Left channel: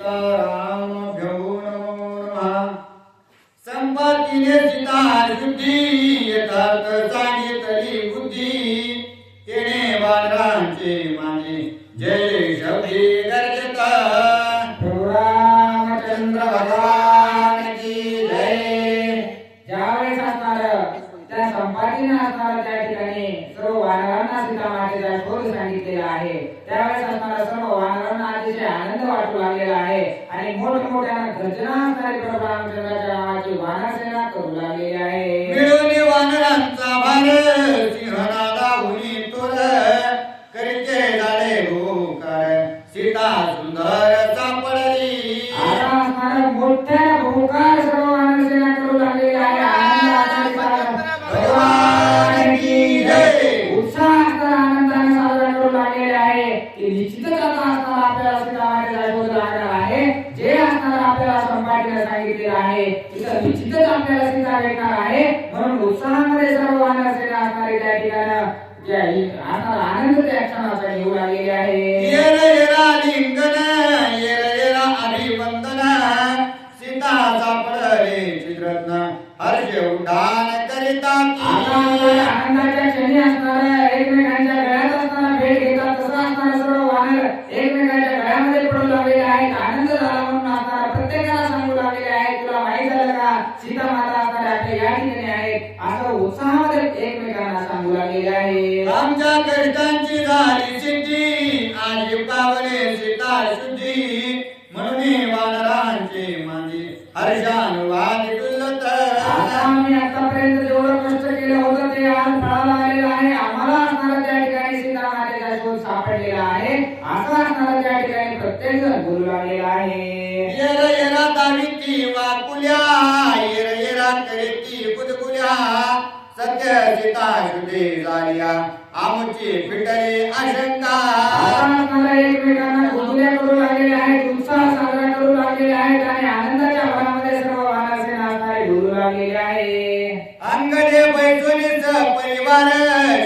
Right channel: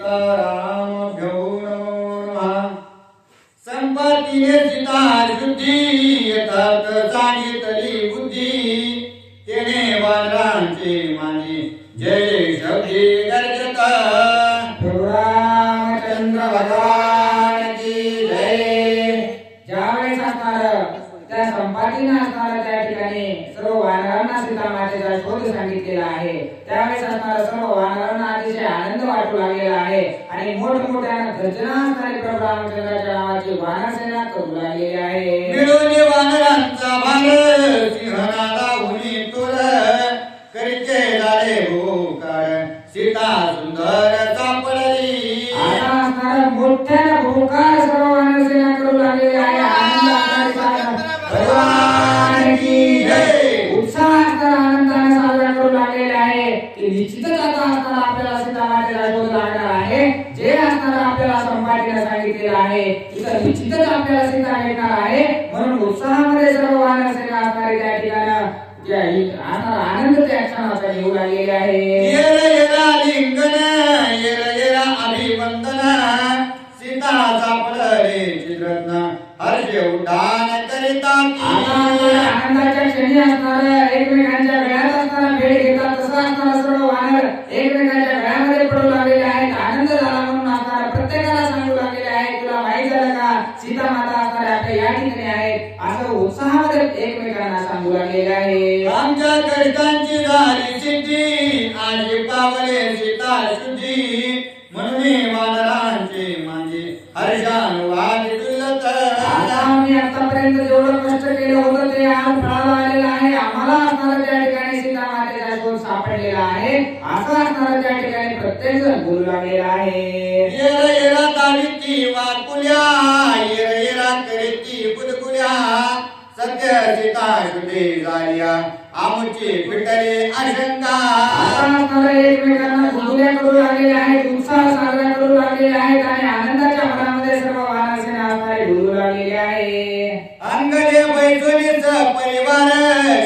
रामभ्यो नमो नमः। संपत्तीने सीता शुद्धी यथार्थ सांगितली बुद्धी तेने वानरांचे माने जय शब्दी गर्जत रामचंद्र भगवान की जय। ज्यावेळेस असणार त्या संपातीने असणार त्या ठिकाणी सर्व वानरांना सीता मातेचा शोध सांगितलेला आहे। त्यावेळेस असणार सर्व वानरांना अतिशय आनंद वाटू लागलेला आहे आणि मोठमोठ्याने गर्जना असणारी प्रभू रामचंद्राच्या नावाची वानरसेना करू लागलेली आहे। मिळून वानरांचा भार सिंहनाला उनी तोर करीचे झाले भूकार सीता सुंदर सापडली। आता असणार मोठ्या भूकार सर्व वानरसेना करू लागलेली आहे। आनंद भगवान की जय। उत्साह असणार आनंदाने साजरा करू लागलेले आहे। ते निश्चितच आता असणार आपल्याला सीता मातेचा शोध लागणार आहे। जे असणार आपल्याला संपातीने सांगितलेलं आहे तिथं निश्चितच आपल्याला सीता भेटणार आहे। म्हणून उत्साहामध्ये सर्व वानरसेना असणारे त्या ठिकाणी आता आनंद त्या क्षणाचा येऊ लागलेला आहे। येरा येरा लिंगन येरा येरा अभिवंदन सीता सापडले चित्ररत्न हर्ष उड्डाण करीतात। आनंदाच्या क्षणी असणार एकमेकांच्या गळ्यात असणारा भेट घेतात तसं असणार सर्व वानर एकमेकांच्या गळ्यामध्ये पडू लागलेले आहेत। आनंद झाला म्हणून असणार प्रत्येकाला सांगू लागलेले आहे तुला माहित झालं का सीता माता असणार आपल्या या ठिकाणी आहेत असं उत्साहामध्ये एकमेकांना सांगू लागलेले आहे। आमच्या कष्टांची झाली सिद्धी आणि पावले सीता शुद्धी म्हणून वानरांचे मांदी हर्षानुवाद डुलत। आता आम्ही आतापर्यंत जेवढं कष्ट केलं होतं ते आज फळाला आलेलं आहे। आम्हाला असणारा त्या ठिकाणी सीता मातेचा शोध सापडलेला आहे असं असणारा त्या ठिकाणी प्रत्येक जण बोलू लागलेला आहे। येरा येरा तालीची वाकुल्या येरा येरा करीची बुदकुल्या सत्य सीता शुद्धी झाल्या आमची फिटली आशंका। आता असणारा एकमेकांना गुंगल्या करू लागलेले आहेत उत्साह साजरा करू लागलेले आहेत आणि आनंदाच्या भरामध्ये सर्व वानरसेना असणारे बोलू लागलेले आहे। अंगणे बैठुनीच परिवार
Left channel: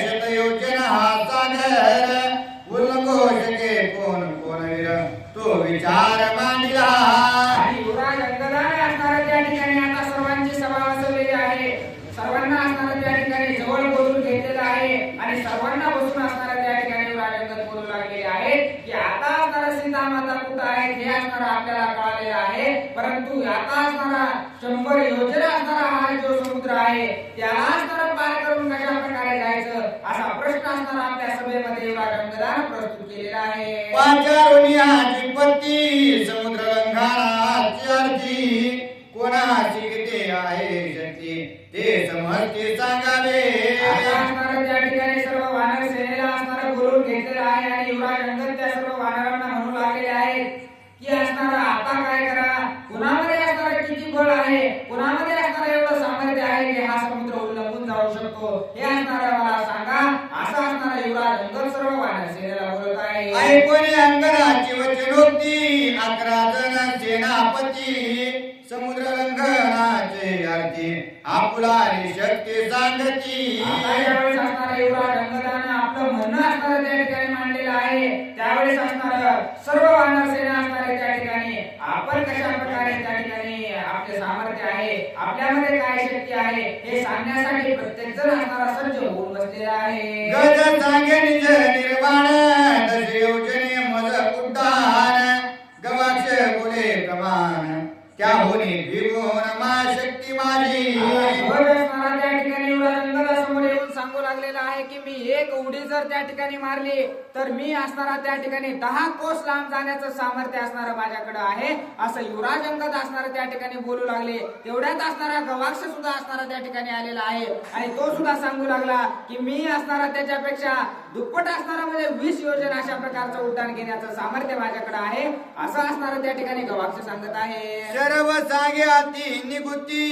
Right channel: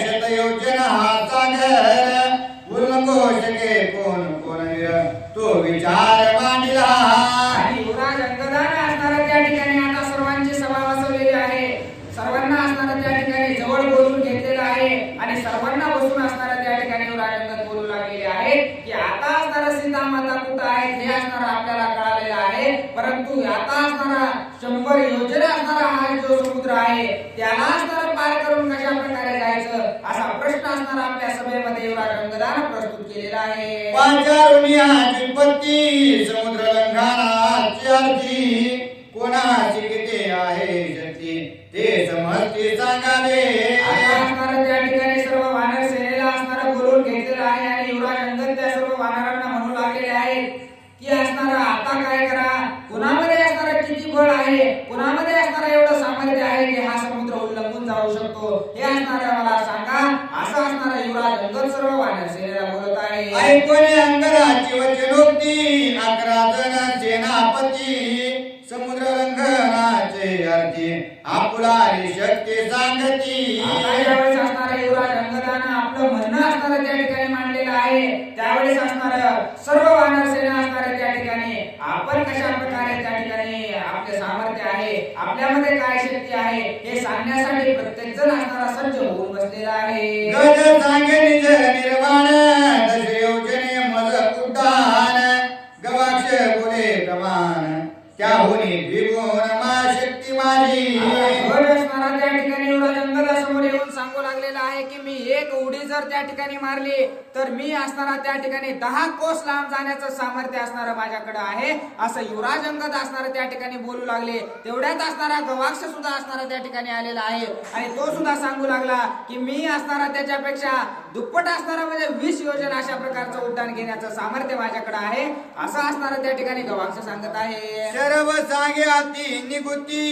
शतयोजना हा सागर उल्लंघोष के कोण कोण वीर तो विचार मांडला। आणि युवराज अंगदाने असणारा त्या ठिकाणी आता सर्वांची सभा बसवलेली आहे। सर्वांना असणारा त्या ठिकाणी जवळ बोलून घेतलेलं आहे आणि सर्वांना बसून असणारा त्या ठिकाणी युवराज अंगद बोलू लागलेले आहे की आता असणारा सीता माता कुठं आहे हे असणारा आपल्याला कळालेलं आहे। परंतु आता असणारा 100 योजना असणारा हा जो समुद्र आहे त्याला असणारा पार करून कशा प्रकारे जायचं असा प्रश्न असणारा आपल्या सभेमध्ये युवराज अंगदाने प्रस्तुत केलेला आहे। पाचारुण्याची पत्ती समुद्र लंघनाची आरती कोणाची किती आहे शक्ती ते समजते सांगावे। आता असणारा त्या ठिकाणी सर्व वानर सेनेला असणारा बोलून घेतलेला आहे आणि युवराज अंगद त्या सर्व वानरांना म्हणू लागलेले आहेत की असणारा आता काय करा कुणामध्ये असणारा किती बळ आहे कुणामध्ये असणारा एवढं सामर्थ्य आहे की हा समुद्र उल्लंघून जाऊ शकतो हे असणारा मला सांगा असं असणारा युवराज अंगद सर्व वानर सेनेला बोलत आहे। ऐकून अंगदाची वचनोक्ती 11 जण सेनापती समुद्र लंघनाचे अर्थी आपुलारी शक्ती सांगती। आता यावेळेस असणारा युवराज अंगदाने आपलं म्हणणं असणारं त्या ठिकाणी मांडलेलं आहे। त्यावेळेस असणारं सर्व वानर सेना असणारे त्या ठिकाणी आपण कशा प्रकारे त्या ठिकाणी आपले सामर्थ्य आहे आपल्यामध्ये काय शक्ती आहे हे सांगण्यासाठी प्रत्येक जण असणारा सज्ज होऊन बसलेला आहे। गज सांगे निज निर्वाण दश योजने मज उड्डाण गवाक्ष बोले कमान त्याहुनी द्विगुण मा शक्ती माझी। असणारा त्या ठिकाणी युवराज अंगदासमोर येऊन सांगू लागलेला आहे की मी एक उडी जर त्या ठिकाणी मारली तर मी असणारा त्या ठिकाणी 10 कोस लांब जाण्याचं सामर्थ्य असणारं माझ्याकडे आहे असं युवराज अंगद असणारं त्या ठिकाणी बोलू लागले। तेवढ्यात असणारा गवाक्ष सुद्धा असणारा त्या ठिकाणी आलेला आहे आणि तो सुद्धा सांगू लागला की मी असणारा त्याच्यापेक्षा दुप्पट असणारा म्हणजे 20 योजना अशा प्रकारचं उड्डाण घेण्याचं सामर्थ्य माझ्याकडे आहे असं असणारं त्या ठिकाणी गवाक्ष सांगत आहे। सर्व सांगे अति निगुती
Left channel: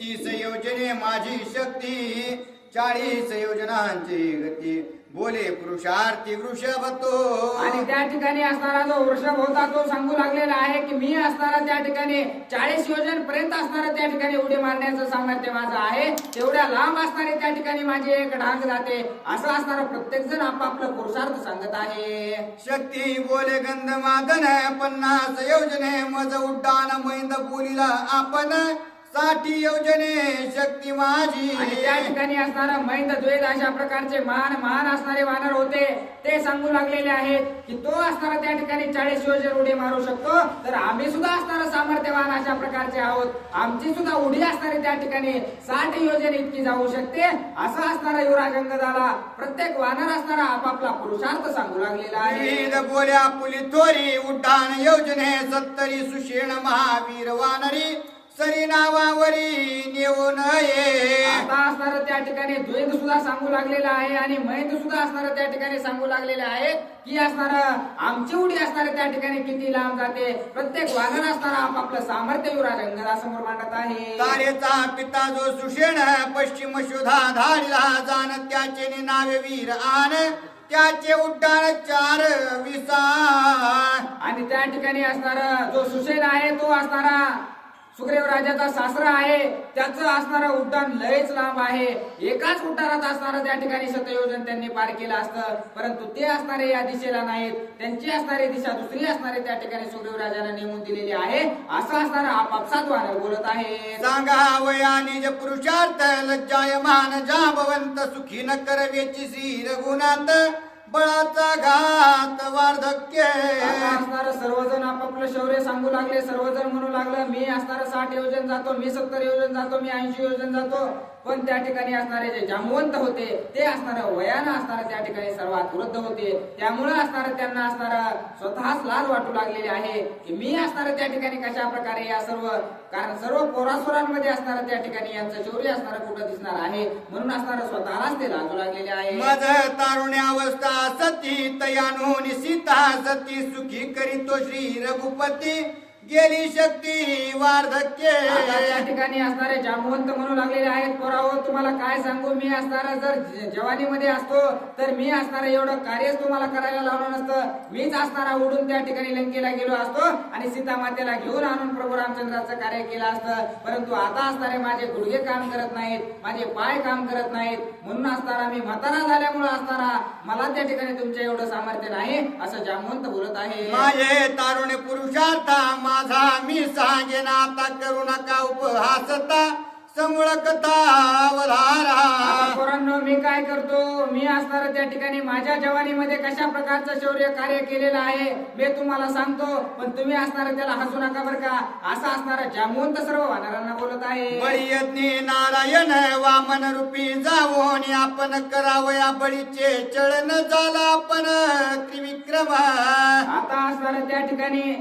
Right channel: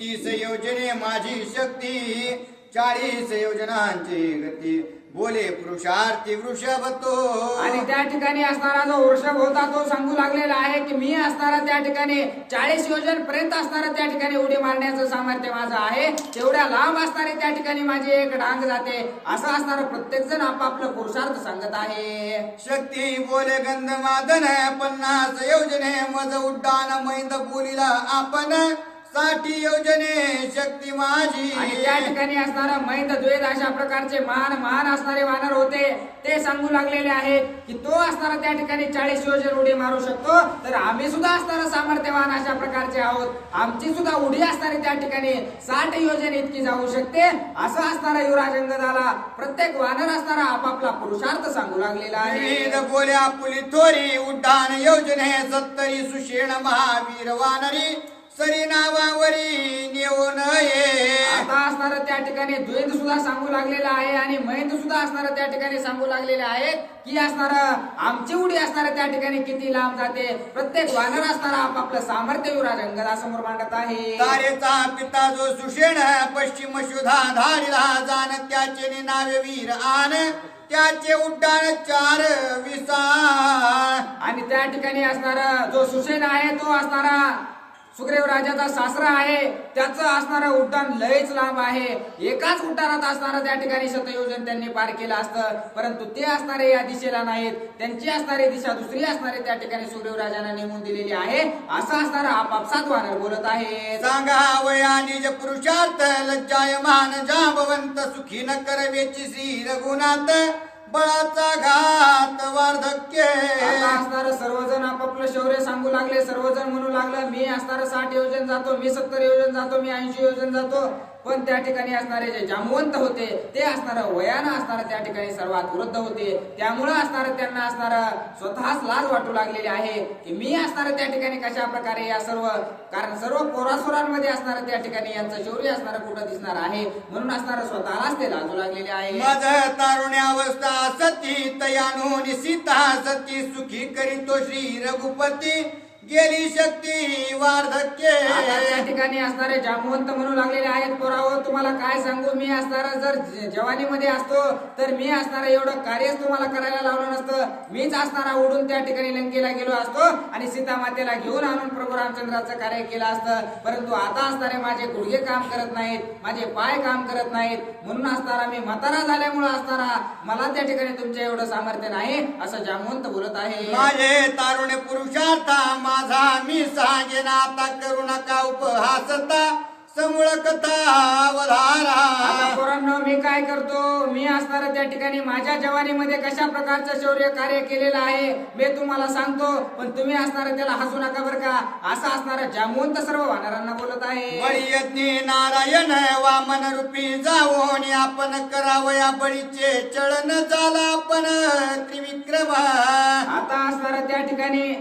30 योजने माझी शक्ती 40 योजनांची गती बोले पुरुषार्थी वृषभ तो. आणि त्या ठिकाणी असणारा जो वृषभ होता तो सांगू लागलेला आहे की मी असणारा त्या ठिकाणी 40 योजन पर्यंत असणारा त्या ठिकाणी उडी मारण्याचं सामर्थ्य माझं आहे. तेवढ्या लांब असणारे त्या ठिकाणी माझी एक डांग जाते. असं असणारं प्रत्येक जण आपापलं पुरुषार्थ सांगत आहे. शक्ती बोले गंधमादन 50 योजने मज उड्डाण मैंद बोलीला आपण 60 योजने शक्ती माझी. आणि त्या ठिकाणी असणारा मैंद द्वैत अशा प्रकारचे महान असणारे वानर होते. ते सांगू लागलेले आहेत की तो असणारा त्या ठिकाणी 40 योजन उडी मारू शकतो. तर आम्ही सुद्धा असणारा सामर्थ्यवान अशा प्रकारचे आहोत. आमची सुद्धा उडी असणारी त्या ठिकाणी 60 योजन इतकी जाऊ शकते. असं असणारा युवराज अंगदाला प्रत्येक वानर असणारा आपापला पुरुषार्थ सांगू लागलेला आहे. विविध बोल्या पुली थोरी उड्डाण योजने 70 सुषेण महावीर वानरी सरी नावावरी नेऊ नये. आता असणारं त्या ठिकाणी द्वैत सुद्धा सांगू लागलेला आहे आणि मैंद सुद्धा असणारं त्या ठिकाणी सांगू लागलेले आहेत की असणारं आमची उडी असणारं त्या ठिकाणी किती लांब जाते. प्रत्येक वानर असणारा आपापलं सामर्थ्य युवराज अंगदासमोर मांडत आहे. तारेचा पिता जो सुषेण पश्चिम शोधा धाडीला जाण त्याचे नावे वीर आन त्याचे उड्डाण 4 विसाळ. आणि त्या ठिकाणी असणारा जो सुसेन आहे तो असणारा सुग्रीव राजाचा सासरा आहे. त्याचं असणारं उड्डाण लयच लांब आहे. एकाच उड्डाणात असणारं त्या ठिकाणी 7 योजन त्यांनी पार केलं असतं. परंतु ते असणारे या दिशेला नाहीत. त्यांची असणारी दिशा दुसरी असणारे त्या ठिकाणी सुग्रीव राजाने नेमून दिलेली आहे. असं असणारं आपापसात वानर बोलत आहे. सांगा वया निज पुरुषार्थ लज्जायमान जांबवंत सुखी न करवेची श्री रघुनाथ बळाचा घात वार्धक्य. आता असणारं सर्वजण आपापलं शौर्य सांगू लागले. सर्वजण म्हणू लागलं मी असणारं 60 योजन जातो, मी 70 योजन जातो, मी 80 योजन जातो. पण त्या ठिकाणी असणारे जे जांबवंत होते ते असणारं वयानं असणारं त्या ठिकाणी सर्वात वृद्ध होते. त्यामुळं असणारं त्यांना असणारं स्वतःच लाज वाटू लागलेली आहे की मी असणारं त्या ठिकाणी कशा प्रकारे या सर्व कारण सर्व पोरासोरांमध्ये असणारं त्या ठिकाणी यांचं शौर्य असणारं कुठं दिसणार आहे. म्हणून असणारं स्वतःलाच ते लाजू लागलेले आहे. मज तारुण्यावस्था सती तयानोनी सीता सती सुखी करीतो श्री रघुपती गेली शक्ती वार्धक्य. आता त्या ठिकाणी असणारे जांबवंत म्हणू लागलेले आहेत पोरावं तुम्हाला काय सांगू मी असणारं जर जवानीमध्ये असतो तर मी असणारं एवढं कार्यच तुम्हाला करायला लावलं नसतं. मीच असणारा उडून त्या ठिकाणी लंकेला गेलो असतो आणि सीता मातेला घेऊन आणून प्रभू रामचंद्राचं कार्य केलं असतं. परंतु आता असणारे माझे गुडघे काम करत नाहीत, माझे पाय काम करत नाहीत. म्हणून असणारा मी म्हातारा झाल्यामुळे असणारा मला त्या ठिकाणी तुमच्या एवढं सामर्थ्य नाही असं जांबवंत बोलत आहे. माझे तारुण्य पुरुषार्थ माझा मी सांगेन आता करू नका उपहासता समूळ कथा वधारा. आता पोरांनो मी काय करतो मी असणारा त्या ठिकाणी माझ्या जवानीमध्ये कशा प्रकारचं शौर्य कार्य केलेलं आहे मी तुम्हाला सांगतो. पण तुम्ही असणारं त्याला हसू नका बरं का. असं असणारं जांबवंत सर्व वानरांना बोलत आहे. बळी नारायण वामन रूपी जावोनी आपण करावया बळीचे चळण झाला आपण त्रिविक्रमा. आता असणारं त्या ठिकाणी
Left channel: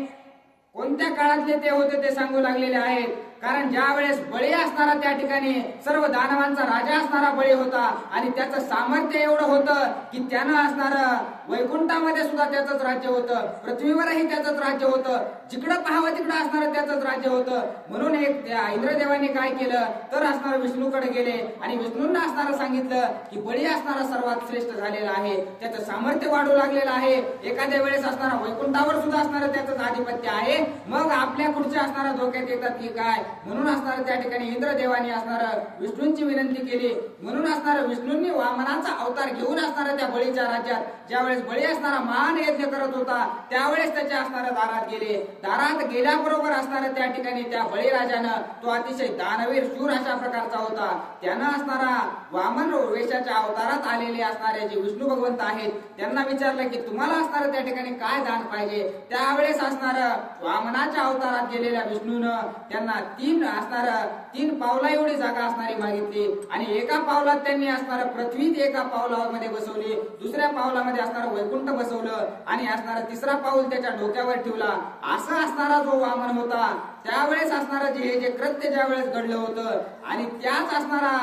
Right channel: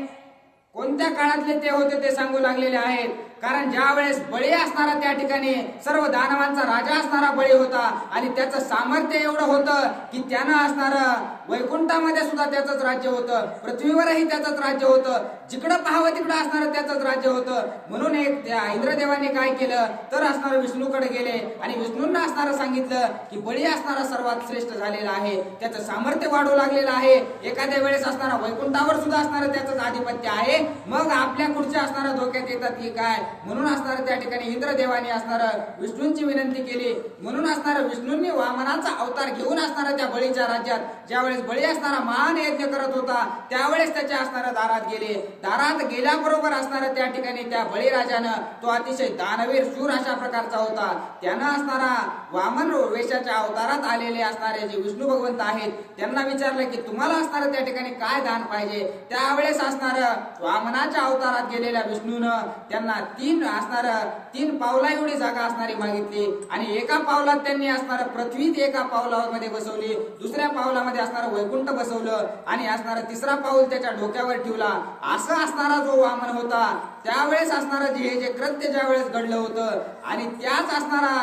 कोणत्या काळातले ते होते ते सांगू लागलेले आहेत. कारण ज्या वेळेस बळी असणारा त्या ठिकाणी सर्व दानवांचा राजा असणारा बळी होता आणि त्याचं सामर्थ्य एवढं होतं की त्यानं असणारं वैकुंठामध्ये सुद्धा त्याचंच राज्य होतं, पृथ्वीवरही त्याचंच राज्य होतं, जिकडं पाहावं तिकडं असणारं त्याचंच राज्य होतं. म्हणून एक त्या इंद्रदेवाने काय केलं तर असणारं विष्णूकडे गेले आणि विष्णूंना असणारं सांगितलं की बळी असणारा सर्वात श्रेष्ठ झालेला आहे, त्याचं सामर्थ्य वाढू लागलेलं आहे. एखाद्या वेळेस असणारा वैकुंठावर सुद्धा असणारं त्याचंच आधिपत्य आहे. मग आपल्या पुढच्या असणारं धोक्यात येतात की काय. म्हणून असणारं त्या ठिकाणी इंद्रदेवाने असणारं विष्णूंची विनंती केली. म्हणून असणारं विष्णूंनी वामनाचा अवतार घेऊन असणारं त्या बळीच्या राज्यात ज्यावेळेस बळी असणारा महान यज्ञ करत होता त्यावेळेस त्याच्या असणारं दारात गेले. दारात गेल्याबरोबर असणारं त्या ठिकाणी त्या बळीराजानं तो अतिशय दानवीर शूर अशा प्रकारचा होता. त्यानं असणारा वामन वेशाच्या अवतारात आलेले असणारे जे विष्णू भगवंत आहेत त्यांना विचारलं की तुम्हाला असणारं त्या ठिकाणी काय दान पाहिजे. त्यावेळेस असणारं वामनाच्या अवतारात गेलेल्या विष्णूनं त्यांना 3 पावला एवढी जागा असणारी मागितली आणि एका पावलात त्यांनी असणारं पृथ्वी एका पावलामध्ये बसवली, दुसऱ्या पावलामध्ये असणारं वैकुंठ बसवलं आणि असणारं तिसरा पाऊल त्याच्या डोक्यावर ठेवला. असं असणारा जो वामन होता त्यावेळेस असणारं जे कृत्य ज्या वेळेस घडलं होतं आणि त्याच असणारा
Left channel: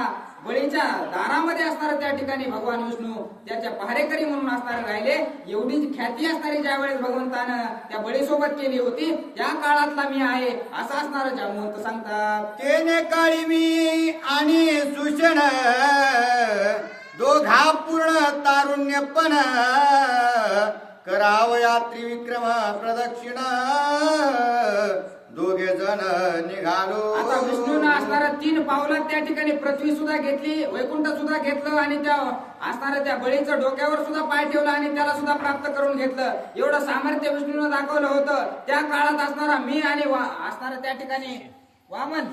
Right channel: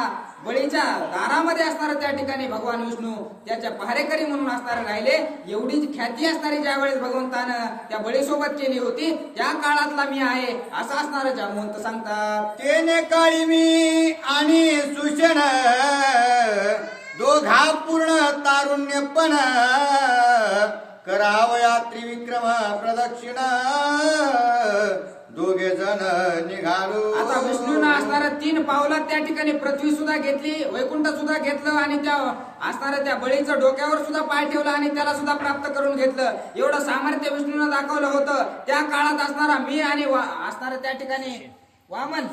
बळीच्या दारामध्ये असणारं त्या ठिकाणी भगवान विष्णू त्याच्या पहारेकरी म्हणून असणारे राहिले. एवढी ख्याती असणारी ज्या वेळेस भगवंतानं त्या बळीसोबत केली होती त्या काळातला मी आहे असं असणारं जांबवंत सांगतात. तेने काळी मी आणि सुषण दोघा पूर्ण तारुण्यपण करावया त्रिविक्रम प्रदक्षिण दोघे जण निघालो. आता विष्णूनं असणाऱ्या 3 पावलात त्या ठिकाणी पृथ्वी सुद्धा घेतली, वैकुंठ सुद्धा घेतलं आणि त्या असणाऱ्या त्या बळीचं डोक्यावर सुद्धा पाय ठेवला आणि त्याला सुद्धा प्राप्त करून घेतलं. एवढं सामर्थ्य विष्णूनं दाखवलं होतं. त्या काळात असणारा मी आणि असणारा त्या ठिकाणी वामन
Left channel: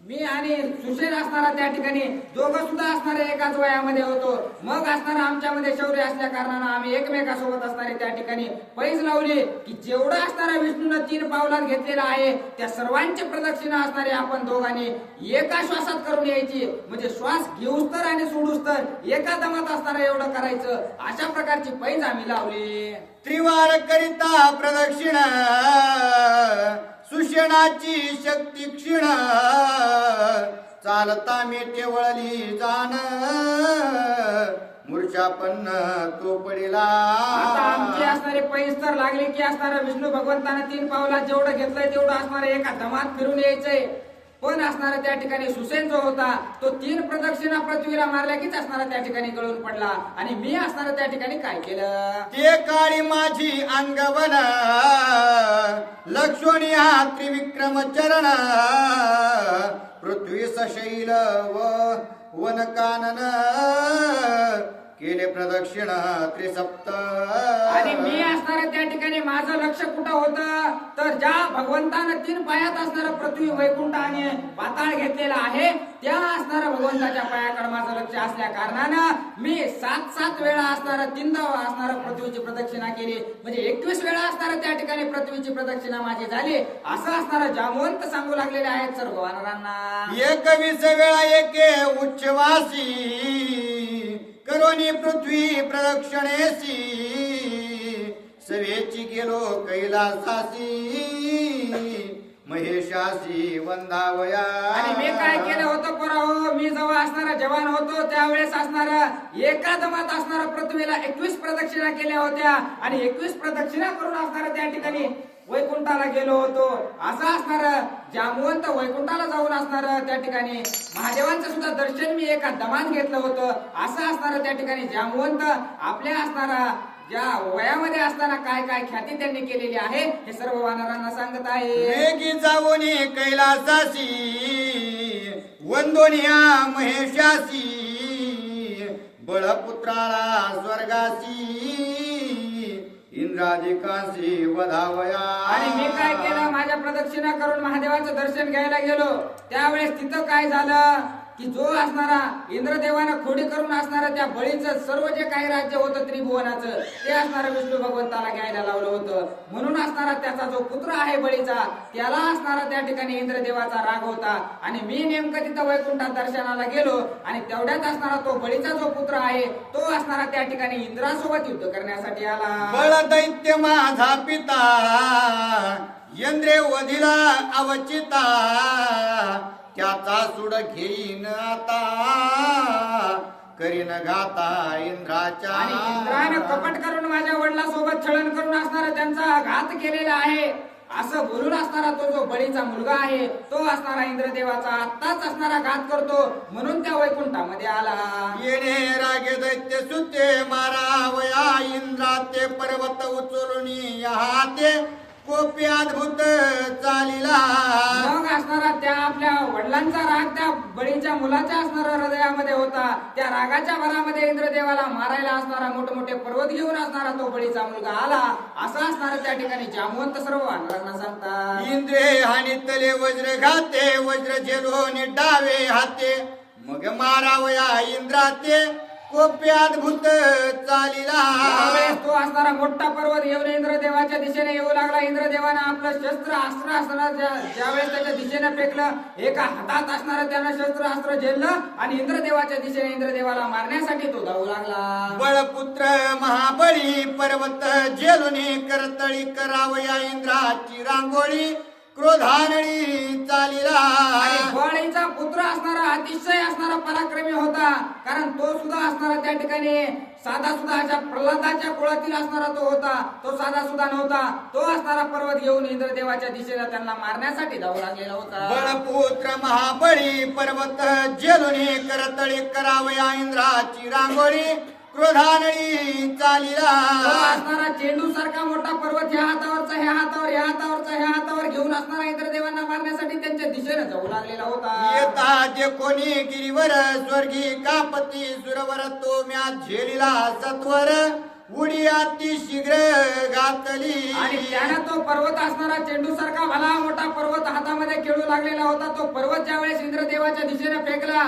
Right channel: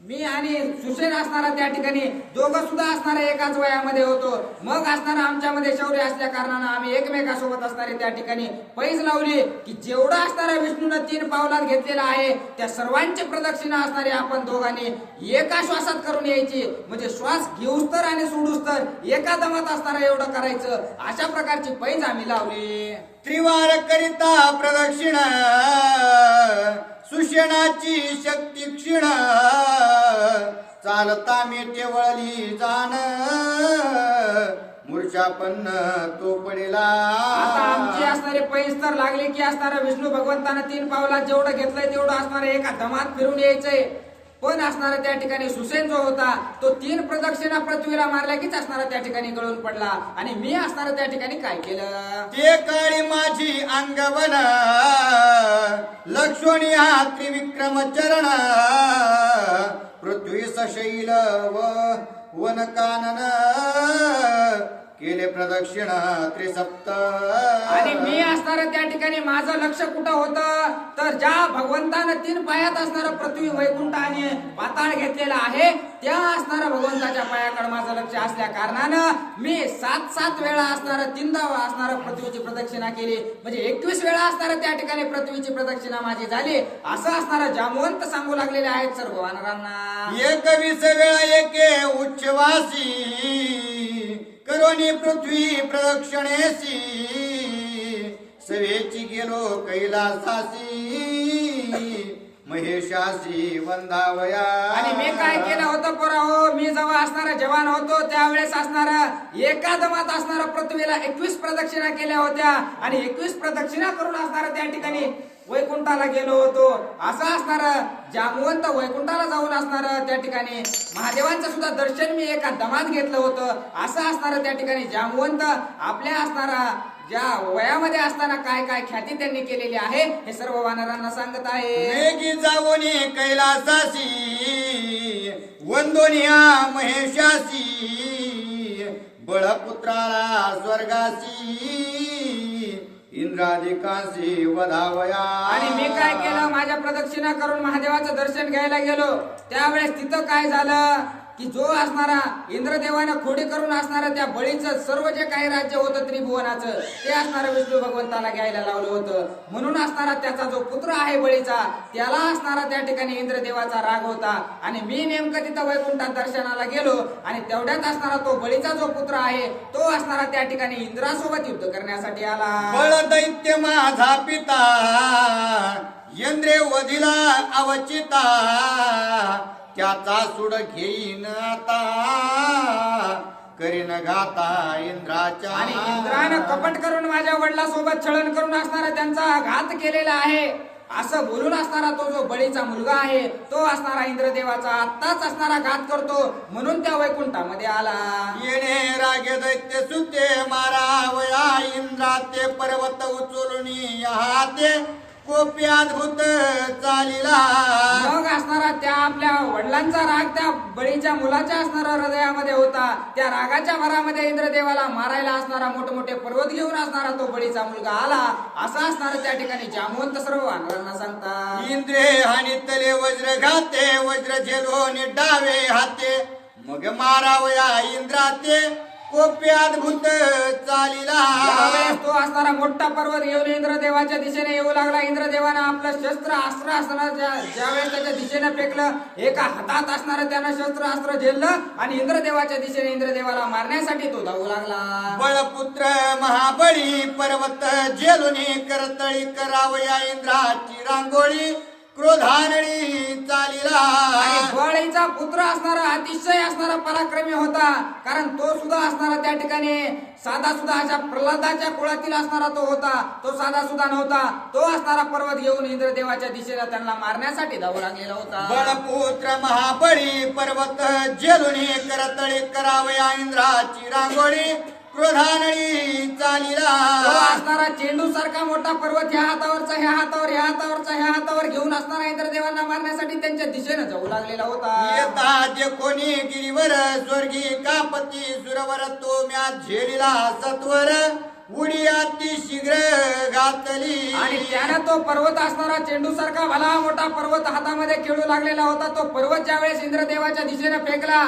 मी आणि सुसेन असणारा त्या ठिकाणी दोघं सुद्धा असणारे एकाच वयामध्ये होतो. मग असणारा आमच्यामध्ये शौर्य असल्या कारणानं आम्ही एकमेकासोबत असणारे त्या ठिकाणी पैज लावली की जेवढा असणारा विष्णूनं 3 पावलात घेतलेला आहे त्या सर्वांची प्रदक्षिणा असणारे आपण दोघांनी एका श्वासात करून यायची. म्हणजे श्वास घेऊस तर आणि सोडूस तर एका दमात असणारा एवढं करायचं. अशा प्रकारची पैज आम्ही लावली. त्रिवार करिता प्रदक्षिण सुषेणाची शक्ती क्षीण चालता मी केवळली जाण मूर्छापन्न तो पडिला. आता आमची असणारे पैज तर लागले की असणारा विष्णू भगवंतानं 3 पावलात जेवढं घेतलंय तेवढं असणारे एका दमात फिरून यायचंय. पण असणारा त्या ठिकाणी सुसेन जो होता तो 3 प्रदक्षिणा पृथ्वीला मारल्या कीच असणारा त्या ठिकाणी गळून पडला. आणि मी असणारा त्या ठिकाणी काय केलं ते काळी माझी अंगवन लक्ष्मणी हा त्रिविक्रम चरण पृथ्वी सशैल वन कानन केले प्रदक्षिण त्रिसप्त. आणि मी असणारं त्या ठिकाणी माझं लक्ष कुठं होतं तर ज्या भगवंतानं 3 पायात असणारं पृथ्वी वैकुंठ आणि पाताळ घेतलेला आहे त्या असणाऱ्या भगवंताच्या पायाकडे माझं लक्ष असल्या कारणानं मी 7 वेळा असणारं 3दा असणारं पृथ्वीची प्रदक्षिणा केली. म्हणजे 21 वेळा असणारं त्या ठिकाणी पृथ्वीची प्रदक्षिणा माझी झाली. असं असणारं जामवंत सांगू लागलेले आहेत सर्व वानरांना. 21 वेळा एके उच्चवासी करोनी पृथ्वी प्रदक्षिणेसी सवेची गेलो कैलासासी महेशासी वंदावया. आणि मी काय केलं होतं पोराहो मी जेव्हा असणारा जवान होतो त्यावेळेस असणारा एका दमात असणारा पृथ्वीला 21 प्रदक्षिणा केल्या होत्या आणि 21 प्रदक्षिणा करून असणारा त्या ठिकाणी वैकुंठाला गेलो होतो. असं असणार जामवंत वैकुंठाला जाऊन असणार त्या ठिकाणी महादेवांचं सुद्धा दर्शन मी एका दमात घेतलं होतं. असं असणार त्या ठिकाणी जामवंत आपल्या असणारा ज्या वयामध्ये असताना काय काय ख्याती त्यांनी केलेली आहे हे सर्व वानरांना सांगत आहे. वेगी जावोनी कैलासासी वंदोनिया महेशासी बळपुत्राला स्वर्गासी इंद्रादिकासी वधावया. आणि मी काय केलं माझ्या प्रदक्षिणा करून महादेवाचं दर्शन घ्यायला गेलो त्यावेळेस तिथं काय झालं की जो असणारा इंद्रदेवानं खोडी करून असणारा त्या बळीचं सर्व जे काही राज्य होतं त्रिभुवनाचं ते असणारं विष्णू भगवंताला घ्यायला लावलं होतं. म्हणून असणारा त्याचा जो पुत्र आहे बळीचा त्याला असणारा त्या ठिकाणी इंद्रदेवाचा राग होता. आणि मी नेमकं तिथं वैकुंठात दर्शनाला गेलो आणि तेवढ्यात असणारा तो बळीचा जो पुत्र आहे तो असणारा त्या ठिकाणी इंद्रासोबत युद्ध करण्यासाठी आला. बळ दैत्य माझा पिता इंद्रे वधिला अवचिता त्याचा सुड घेईन आता करीन घाता इंद्राच्या. आणि इंद्रानं कपट करून माझ्या वडिलांसोबत छळण करून असणारा त्यांचा घात केलेला आहे असं बोलून असणारा तो जो बळीचा मुलगा आहे तो असणारा इंद्रदेवाचा आत्ताच असणारा घात करतो म्हणून त्या वैकुंठामध्ये आला. येणे रागे दैत्य सुते मारावया इंद्रा ते पर्वत उचलून हाते कोपी अद्भुत चालिला. मग असणारा त्या आपल्या वडिलांचा राग त्या बळीच्या मुलाच्या असणारा हृदयामध्ये होता. त्या रागाच्या भरामध्ये इंद्रदेवाला मारायला असणारा मोठमोठे पर्वत घेऊन असणारा तो बळीचा मुलगा आला. असं असणारा त्या ठिकाणी जामवंत सर्व वानरांना सांगतात. इंद्रे हानी तले वज्र घाते वज्र झेलोनी डावे हाते मग मारावया इंद्राते कोपी अद्भुत चालिला. त्यावेळेस तो असणारा मोठा पर्वत घेऊन इंद्रदेवाच्या दिशेने येऊ लागला. इंद्रदेवानं आपलं शस्त्र अस्त्र असणारा ज्यावेळेस त्याच्या दिशेने फेकलं एका हातात असणारं त्यानं शस्त्र अस्त्र झेललं आणि इंद्रदेवाच्या दिशेने इंद्रदेवाला मारण्यासाठी तो धावू लागला. बळपुत्र महाबळी पर्वत झेलुनी करतळी करावया इंद्राची रांगोळी क्रोधानळी चालिला. आणि बळीचा पुत्र असणारा अतिशय असणारा पराक्रमी होता, कारण तो सुद्धा असणारा त्या ठिकाणी साधा सुद्धा अशा प्रल्हादाच्या कुळातील असणारा तो होता. तो साधा सुद्धा नव्हता. तो असणारा पर्वत घेऊन इंद्रदेवाच्या दिशेला त्यांना मारण्यासाठी धावू लागलेला होता. बळपुत्र महाबळी पर्वत जेलुनी करतळी करावया इंद्राची रांगोळी. क्रोधानळी चालिला. तो असणारा चेंडू सारखा मोठा पर्वत ह्या हातावरचा ह्या हातावर ह्या हातावरचा ह्या हातावर घेऊन असणारा इंद्रदेवांना मारण्यासाठी त्यांच्या दिशेने जाऊ लागलेला होता. येता जे कोणी गिरीवर स्वर्गी कापती सुरवर तो म्या झेलिला सत्वर. उडी अति शीघ्र घातली. आणि त्यानं तो पर्वत असणारा चेंडू सारखा भला मोठा पर्वत हातामध्ये खेळू लागलेला होता. तो पर्वत ज्यावेळेस इंद्रदेवाच्या दिशेने फेकला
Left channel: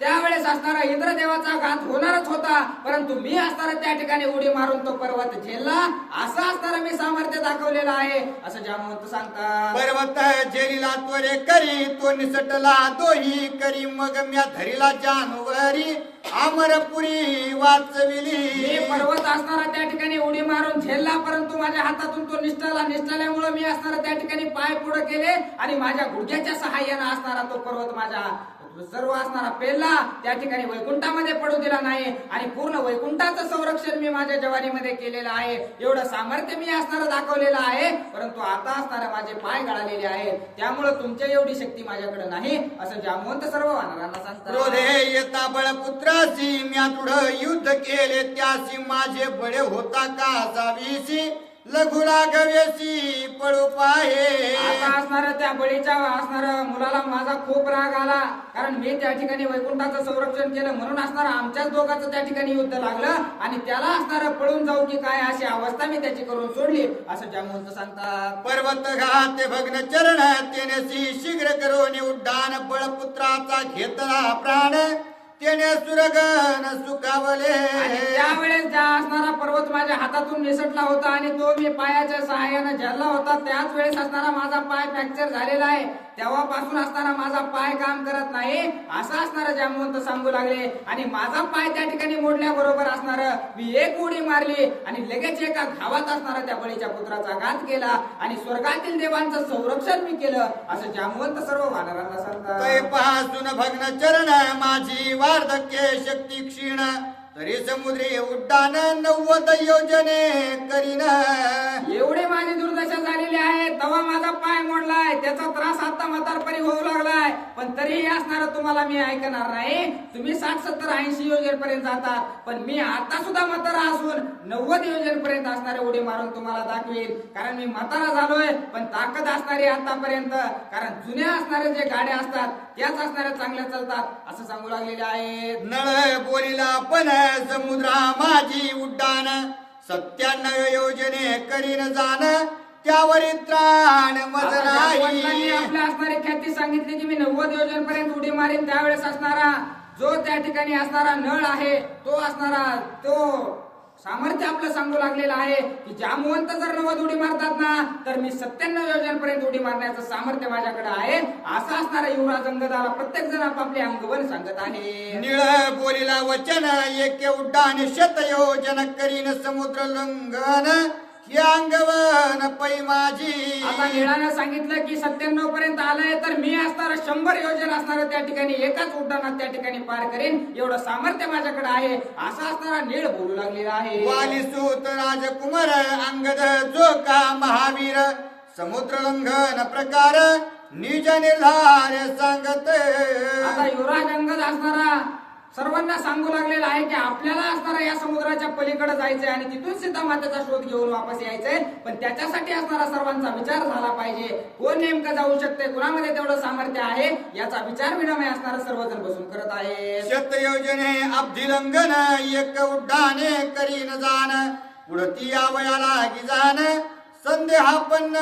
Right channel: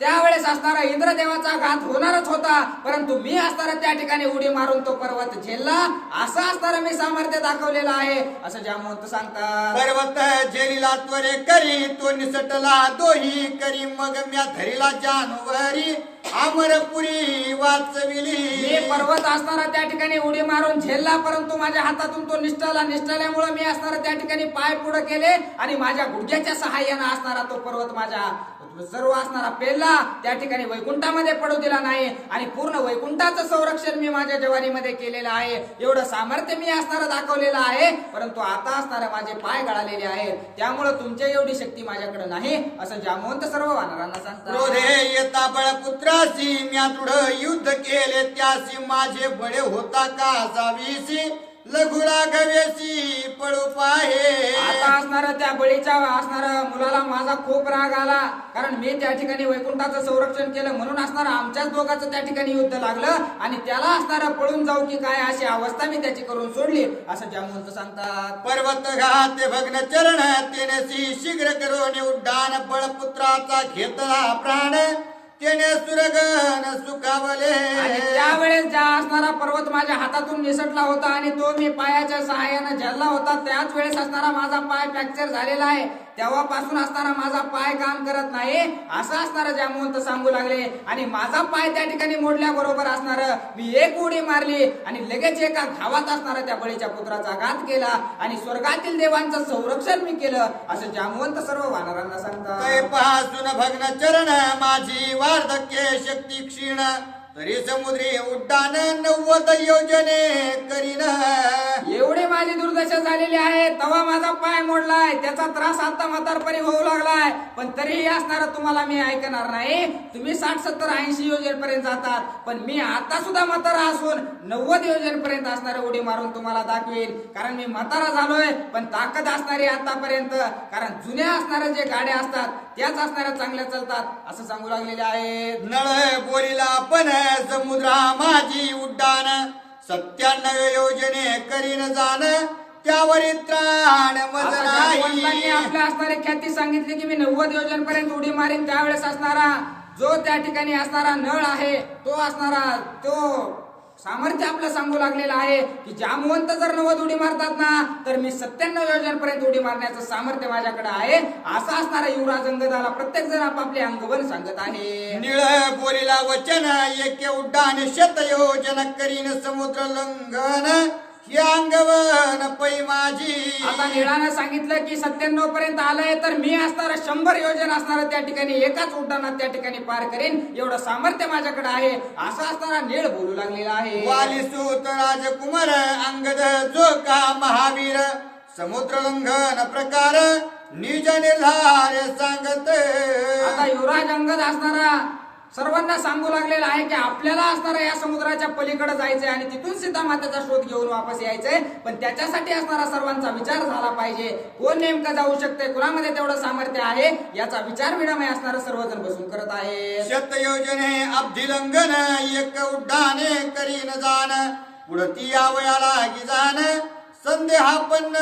त्यावेळेस असणारा इंद्रदेवाचा घात होणारच होता, परंतु मी असणारा त्या ठिकाणी उडी मारून तो पर्वत झेलला. असं असणारा मी सामर्थ्य दाखवलेलं आहे असं जामवंत सांगतात. पर्वत झेलिला त्वरे करी तो निसटला दोही करी. मग म्या धरिला जानवरी अमरपुरी वाचविली. मी पर्वत असणारा त्या ठिकाणी उडी मारून झेलला, परंतु माझ्या हातातून तो निसटल्यामुळे मी असणारा त्या ठिकाणी पाय पुढे केले आणि माझ्या गुडघ्याच्या सहाय्याने असणारा तो पर्वत माझ्या सर्व असणारा पेलला. त्या ठिकाणी वैकुंठामध्ये पडू दिला नाही आणि पूर्ण वैकुंठाचं संरक्षण मी माझ्या जवानीमध्ये केलेलं आहे. एवढं सामर्थ्य मी असणारं दाखवलेलं आहे, परंतु आता असणारे माझे पाय गळालेले आहेत, त्यामुळे तुमच्या एवढी शक्ती माझ्याकडे नाही असं जामवंत सर्व वानरांना सांगतात. क्रोधे येता बळपुत्रासी म्या दृढ युद्ध केले त्यासी. माझे बळे होता का जावीसी. लघुला गवेसी पळू पाहे. आता असणारा त्या बळीच्या असणारा मुलाला माझा खूप राग आला, कारण मी त्या ठिकाणी वैकुंठाचं संरक्षण केलं म्हणून असणारा आमच्याच दोघांचं त्या ठिकाणी युद्ध लागलं आणि त्याला असणारा पळून जाऊ की काय अशी अवस्था मी त्याची करून सोडली असं जामवंत सांगतात. पर्वत घाते भग्न चरण तेनेसी शीघ्र करून उड्डाण. बळपुत्राचा घेतला प्राण तेने सुरगन सुखावले. आणि त्यावेळेस ज्या असणारा पर्वत माझ्या हातातून निसटला होता आणि तो मी पायाच्या सहाय्याने झेलला होता, त्याच वेळेस असणारा माझा पाय फ्रॅक्चर झालेला आहे. तेव्हापासून असणारा माझा पाय काम करत नाही असं असणारा जामवंत सांगू लागले. आणि माझा पाय त्या ठिकाणी मोडल्याबरोबर असणारं मी एक उडी मारली आणि लगेच एका घावात असणारा त्या बळीच्या पुत्राचा घात केला आणि स्वर्गातील देवांचं संरक्षण मी केलं असं जामवंत सर्व वानरांना सांगतात. पासून भग्न चरण माझी वार्धक्य शक्ती क्षीण. तरी समुद्री उड्डाण 90 योजने करीन. एवढे माझी दुर्दशा झालेली आहे, तेव्हा माझा पाय मोडलाय, त्याचा त्रास आता म्हातारपणी होऊ लागलाय, पण तरीही असणार तुम्हाला मी ऐकणार नाही. तुम्ही 60, 70, 80 योजनेपर्यंत जातात, पण मी आता सुद्धा म्हातारा असून 90 योजनेपर्यंत असणारे उडी मारून तुम्हाला दाखवेल. कारण मी म्हातारा झालोय, पण ताकद असणारी आतापर्यंत, कारण जुन्या असणारे जे गाड्या असतात त्याच असणाऱ्या चांगल्या चालतात असं सांगू लागलेले आहे. नळ बोलीला पण समुद्रा माझी उड्डाण. 97 योजने करीन जाण त्यावरी त्राण मज नाही. आपल्या असणारी ख्याती सांगितली की मी 90 योजनेपर्यंत उडी मारीन. त्यावेळेस असणारा जो त्या ठिकाणी असणारा नळ आहे तो असणारा तो सामर्थ्य आपलं सांगू लागलेलं आहे की जामवंत जर 90 उडी मारतात ना तर मी 97 योजनेपर्यंत उडी मारण्याचं सामर्थ्य माझ्याकडे आहे असं असणारा युवराज अंगदाला प्रत्येक जण आपापले अंगवन सांगत आहे. निळ बोलीला वचन एके उड्डाण 100 योजन करीन समुद्र लंघन. हे अंगवन पै माझी. आता निळानं सांगितलं की 97 पर्यंत आलंय तर मी असणारा 100 योजना असणारा त्या ठिकाणी एकाच उड्डाणात त्या ठिकाणी पार करेन एवढं सामर्थ्य माझ्याकडे आहे असं असणारा नीळ बोलू लागलेला आहे. वालीसूत राजकुमार अंगद जो का महावीर. समुद्र लंघन प्रकार निज निर्धार सांगत. आता युवराज अंगद असणारा सर्वांना सांगू लागलेला आहे की आपल्याला असणारा या समुद्राच्या पलीकडे जायचंय आणि तिथून सीता मातेचा शोध घेऊन वापस यायचंय, पण त्याच्यासाठी असणारा सर्वांचा विचार झाला पाहिजे. कोण नेमकं जाऊ शकते, कुणामध्ये तेवढं सामर्थ्य आहे याचा विचार विनिमय असणारा सर्वजण बसून करत आहे. 100 योजने अब्धी लंघन एक उड्डाणे करीन जाण. पुढती यावयाला जाण संदेहापन्न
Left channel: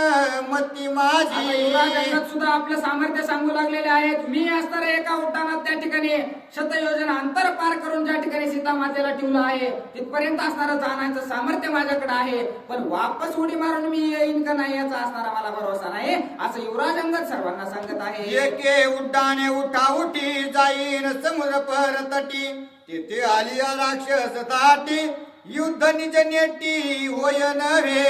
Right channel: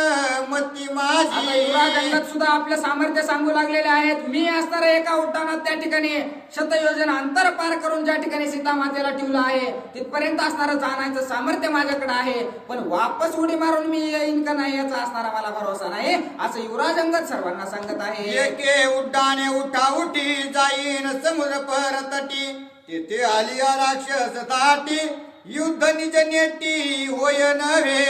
मती माझी. युवराज अंगद सुद्धा आपलं सामर्थ्य सांगू लागलेले आहेत. मी असणारा एका उड्डाणात त्या ठिकाणी 100 योजना अंतर पार करून ज्या ठिकाणी सीता मातेला ठेवलं आहे तिथपर्यंत असणारं जाण्याचं सामर्थ्य माझ्याकडे आहे, पण वापस उडी मारून मी येईन का नाही याचा असणारा मला भरोसा नाही असं युवराज अंगद सर्वांना सांगत आहे. एके उड्डाणे उठा उठी जाईन समुद्र पर तटी. तेथे आलिया राक्षस ताटी युद्ध निज नेटी होय नव्हे.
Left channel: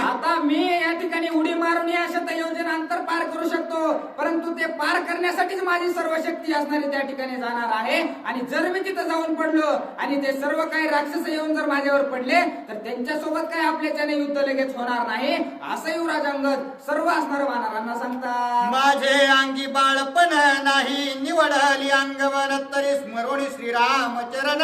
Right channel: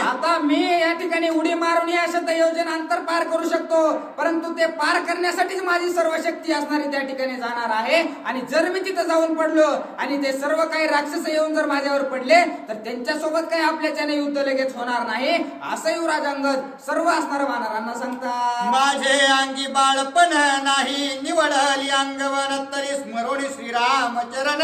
आता मी या ठिकाणी उडी मारून या शतयोजन अंतर पार करू शकतो, परंतु ते पार करण्यासाठीच माझी सर्व शक्ती असणारी त्या ठिकाणी जाणार आहे. आणि जर मी तिथं जाऊन पडलो आणि ते सर्व काही राक्षस येऊन जर माझ्यावर पडले तर त्यांच्यासोबत काही आपल्याच्याने युद्ध लगेच होणार नाही, असं युवराज अंगद सर्व असणाऱ्या वानरांना सांगतात. माझे अंगी बाळपण नाही निवडली अंगवन तरी स्मरून श्रीरामचरण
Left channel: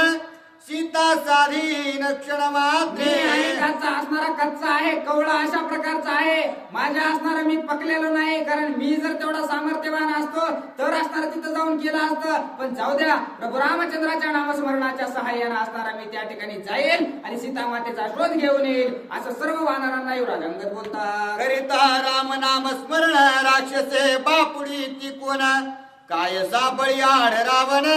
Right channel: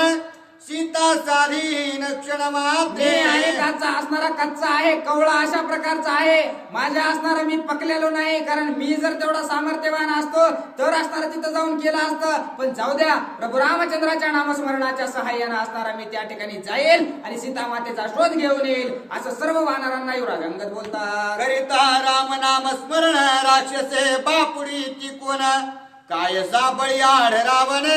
सीता साधीन क्षण मात्रे. मी आणि त्याचा असणारा कच्चा आहे, कवळा अशा प्रकारचा आहे. माझ्या असणारा मी पकलेलो नाही, कारण मी जर तेवढा सामर्थ्यवान असतो तर असणारा तिथं जाऊन केलं असतं. पण जाऊ द्या, प्रभू रामचंद्राच्या नामस्मरणाच्या सहाय्याने असणारा मी त्या ठिकाणी जाईल आणि सीता मातेचा शोध घेऊन येईल, असं सर्व वानरांना युवराज अंगद बोलतात. करिता राम नाम स्मरण राक्षसे बापुडी ती कोण काय साबळी आढ रावण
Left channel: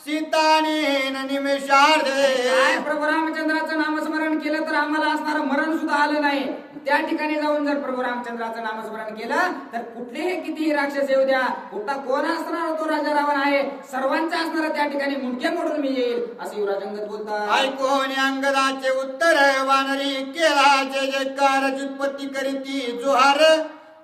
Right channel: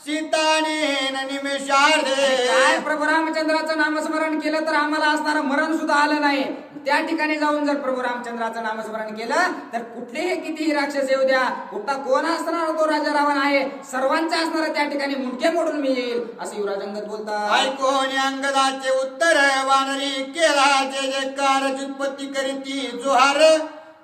सीताने निमेषार्धे. काय प्रभू रामचंद्राचं नामस्मरण केलं तर आम्हाला असणारं मरण सुद्धा आलं नाही. त्या ठिकाणी जाऊन जर प्रभू रामचंद्राचं नामस्मरण केलं तर कुठलेही कितीही राक्षस येऊ द्या, कुठला कोण असणार तो राजा रावण आहे, सर्वांचा असणारा त्या ठिकाणी मुंडके मोडून मी येईल, असं युवराज अंगद बोलतात. ऐकून अंगदाचे उत्तर वानरी केला जय जयकार चित्पत्ती करीती जोहार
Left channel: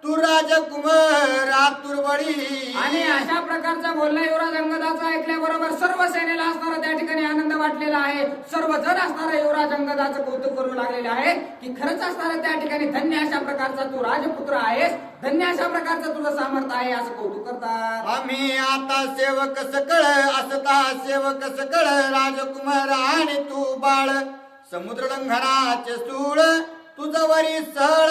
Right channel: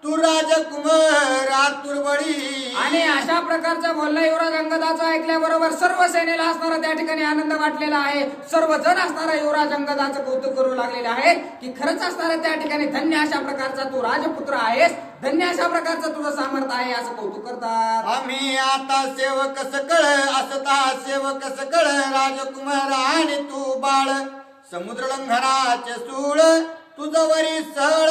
तू राजकुमार आतुरबळी. आणि अशा प्रकारचा बोलणं युवराज अंगदाचा ऐकल्याबरोबर सर्व सेनेला असणारा त्या ठिकाणी आनंद वाटलेला आहे. सर्वजण असणारा युवराज अंगदाचं कौतुक करू लागलेले आहेत की खरंच असणारा त्या ठिकाणी धन्य अशा प्रकारचा तू राजपुत्र आहेस, धन्य अशा प्रकारचं तुझं सामर्थ्य आहे, असं कौतुक करतात. आम्ही आता सेवक सकळ असता सेवक सकळ राजकुमार आणि तू बाळ समुद्र लंघनाचे सूळ तुझवरी सळ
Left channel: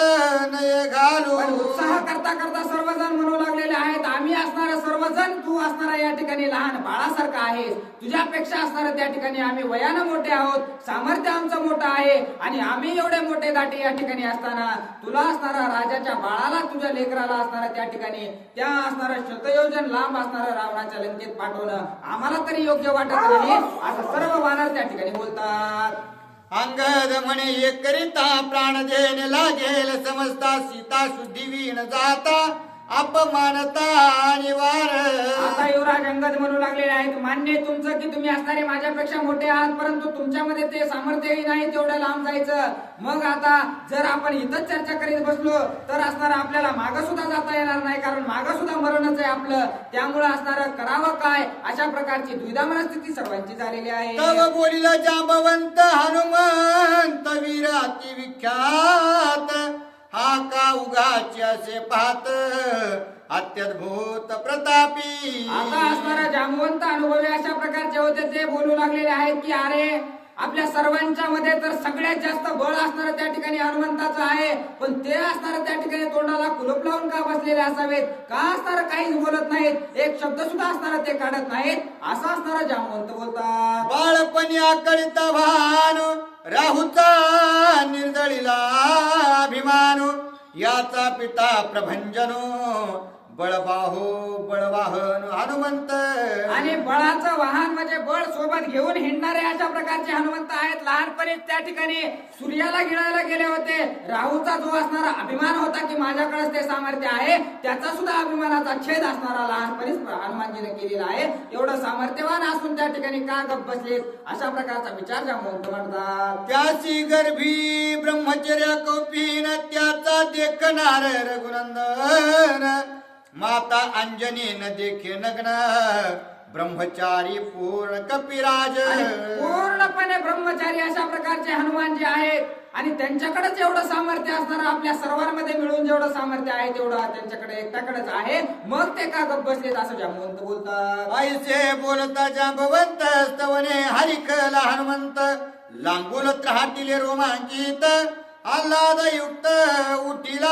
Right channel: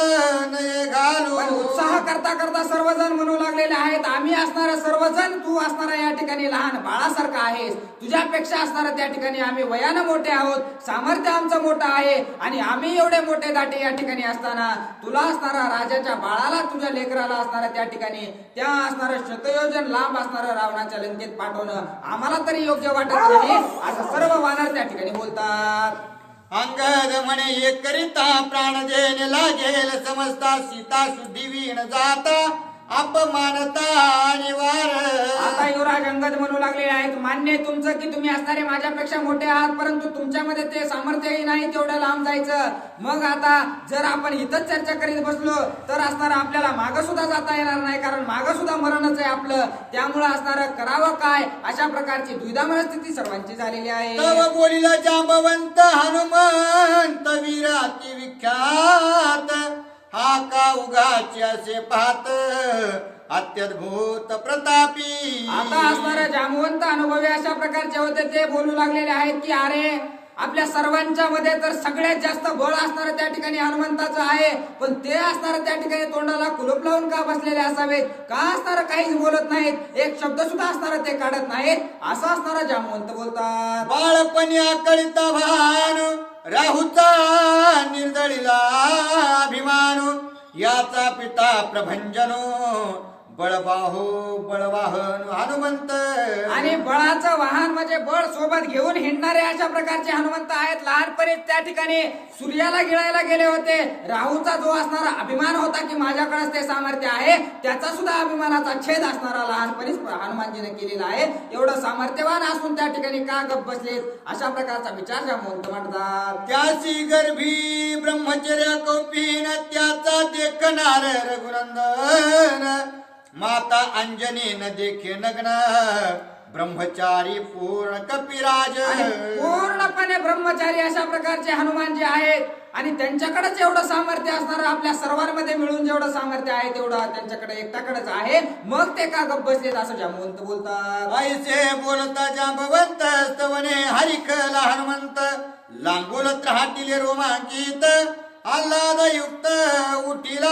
नये घालू. पण उत्साह करता करता सर्वजण म्हणू लागलेले आहेत, आम्ही असणारा सर्वजण तू असणारा या ठिकाणी लहान बाळासारखा आहेस, तुझ्यापेक्षा असणारा त्या ठिकाणी आम्ही वयानं मोठे आहोत, सामर्थ्य आमचं मोठं आहे आणि आम्ही एवढे मोठे दाटे या ठिकाणी असताना तुला असणारा राजाच्या बाळाला तुझ्या लेकराला असणारा त्या ठिकाणी त्या असणारं शतयोजन लांब असणारं रावणाच्या लंकेत पाठवणं आम्हाला तरी योग्य वाटत नाही, असं सर्व वानर त्या ठिकाणी बोलतात. अंगद म्हणे एक करिता प्राण देण लागेल समजता सीता शुद्धीवीण जाता अपमानता निवार. आता युवराज अंगद म्हणू लागले आहेत, मान्य आहे तुमचं की तुम्ही असणारे माझ्यापेक्षा मोठे आहात, परंतु तुमच्यामध्ये ते सामर्थ्यही नाही तेवढं लांब जायचं. मग आता जर आपण इथंच चर्चा करीत बसलो तर असणारा आपल्याला मागं सुद्धा जाता येणार नाही, कारण मागं सुद्धा मरणच आहे आपलं. त्यामुळे असणारं करावं काय अशा प्रकारची द्विधा मनस्थिती सर्वांची झालेली आहे. तव बोलिला जांबवंत हनुमंत वीराती विख्यात हा का उगाची असे पाहत अत्यद्भुत प्रतापी. आता असणारे जामवंत अनुभवी अशा प्रकारचे होते, ते बोलू लागलेले आहेत की अरे आपल्या सर्वांच्या मध्ये तर सगळ्यात जास्त बळ असणारं त्या ठिकाणी हनुमंताचं आहे, पण ते असणारं त्या ठिकाणी तोंडाला कुलूप लावून का बसलेले असावेत, का असणारं काहीच बोलत नाहीत, एक शब्द सुद्धा असणारं ते काढत नाहीत, असं असणारं जामवंत बोलतात. बाळपणी आकळीता भान राहुचा निर्दळीला अभिमान याचा पिता प्रभंजनो बळबाहो बळवाहन हनुमंत. आणि बळाचं वाहन म्हणजे बळ सोबत घेऊन हिंडणारे अशा प्रकारचे हनुमंत आहेत. लहानपणी त्या ठिकाणी सूर्याला गिळायला गेले होते, राहूचा जो असणारा अभिमान होता की माझ्याकडेच ते सामर्थ्य आहे, त्याचा सुद्धा अभिमानाचा छेद असणारा लहानपणीच हनुमानजीने केलेला आहे. एवढं सामर्थ्यवान असून त्या ठिकाणी का गप बसलेत अशा प्रकारचा विचार जामवंत म्हणतात. त्याची गर्भी ब्रह्मचर्य कौपीन त्याचा देखणार रघुनंदन माता अंजनीन देखे नग्न ब्रह्मचारी पूर्ण कपिराज. पूर्णपणे ब्रह्मचारी अशा प्रकारचे हनुमान जे आहेत आणि त्यांच्याकडेच एवढं सामर्थ्य असणारं आपल्या सर्वांमध्ये मिळून जेवढं सामर्थ्य आहे तेवढं त्यांच्याकडे एकट्याकडेच आहे, मग ते का गप्प बसलेत असं जांबवंत बोलतात. आईचे बोलता जांबवंत स्तवने हरिकला हनुमंत लांगुलत राहतील रोमांचित आल्हाद युक्त उठिला.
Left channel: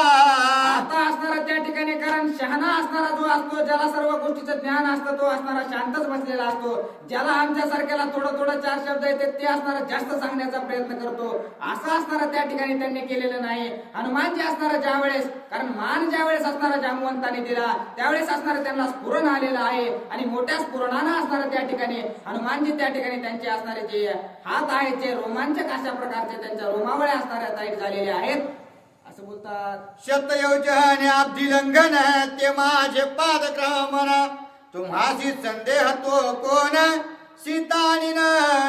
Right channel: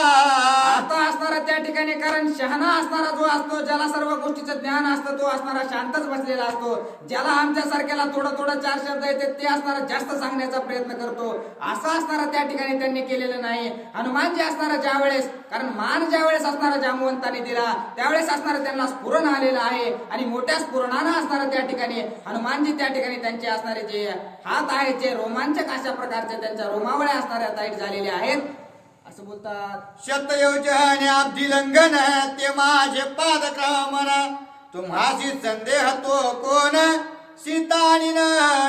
आता असणारा त्या ठिकाणी कारण शहाणा असणारा जो असतो, ज्याला सर्व गोष्टीचं ज्ञान असतं, तो असणारा शांतच बसलेला असतो. ज्याला आमच्या सारख्याला थोडं थोडं चार शब्द येते ते असणारा जास्त सांगण्याचा प्रयत्न करतो, असं असणारा त्या ठिकाणी त्यांनी केलेलं नाही. हनुमान जे असणारा ज्यावेळेस कारण मान ज्यावेळेस असणारा जांबवंताने दिला त्यावेळेस असणारा त्यांना स्फुरण आलेलं आहे आणि मोठ्या स्फुरणानं असणारा त्या ठिकाणी हनुमानजी त्या ठिकाणी त्यांचे असणारे जे हात आहेत जे रोमांचक अशा प्रकारचे त्यांच्या रोमावळ्या असणाऱ्या ताईट झालेले आहेत असं बोलतात. शतयोजन अब्धी लंघन ते माझे पादक्रमण तुम्हासी संदेह तो कोण सीता आणि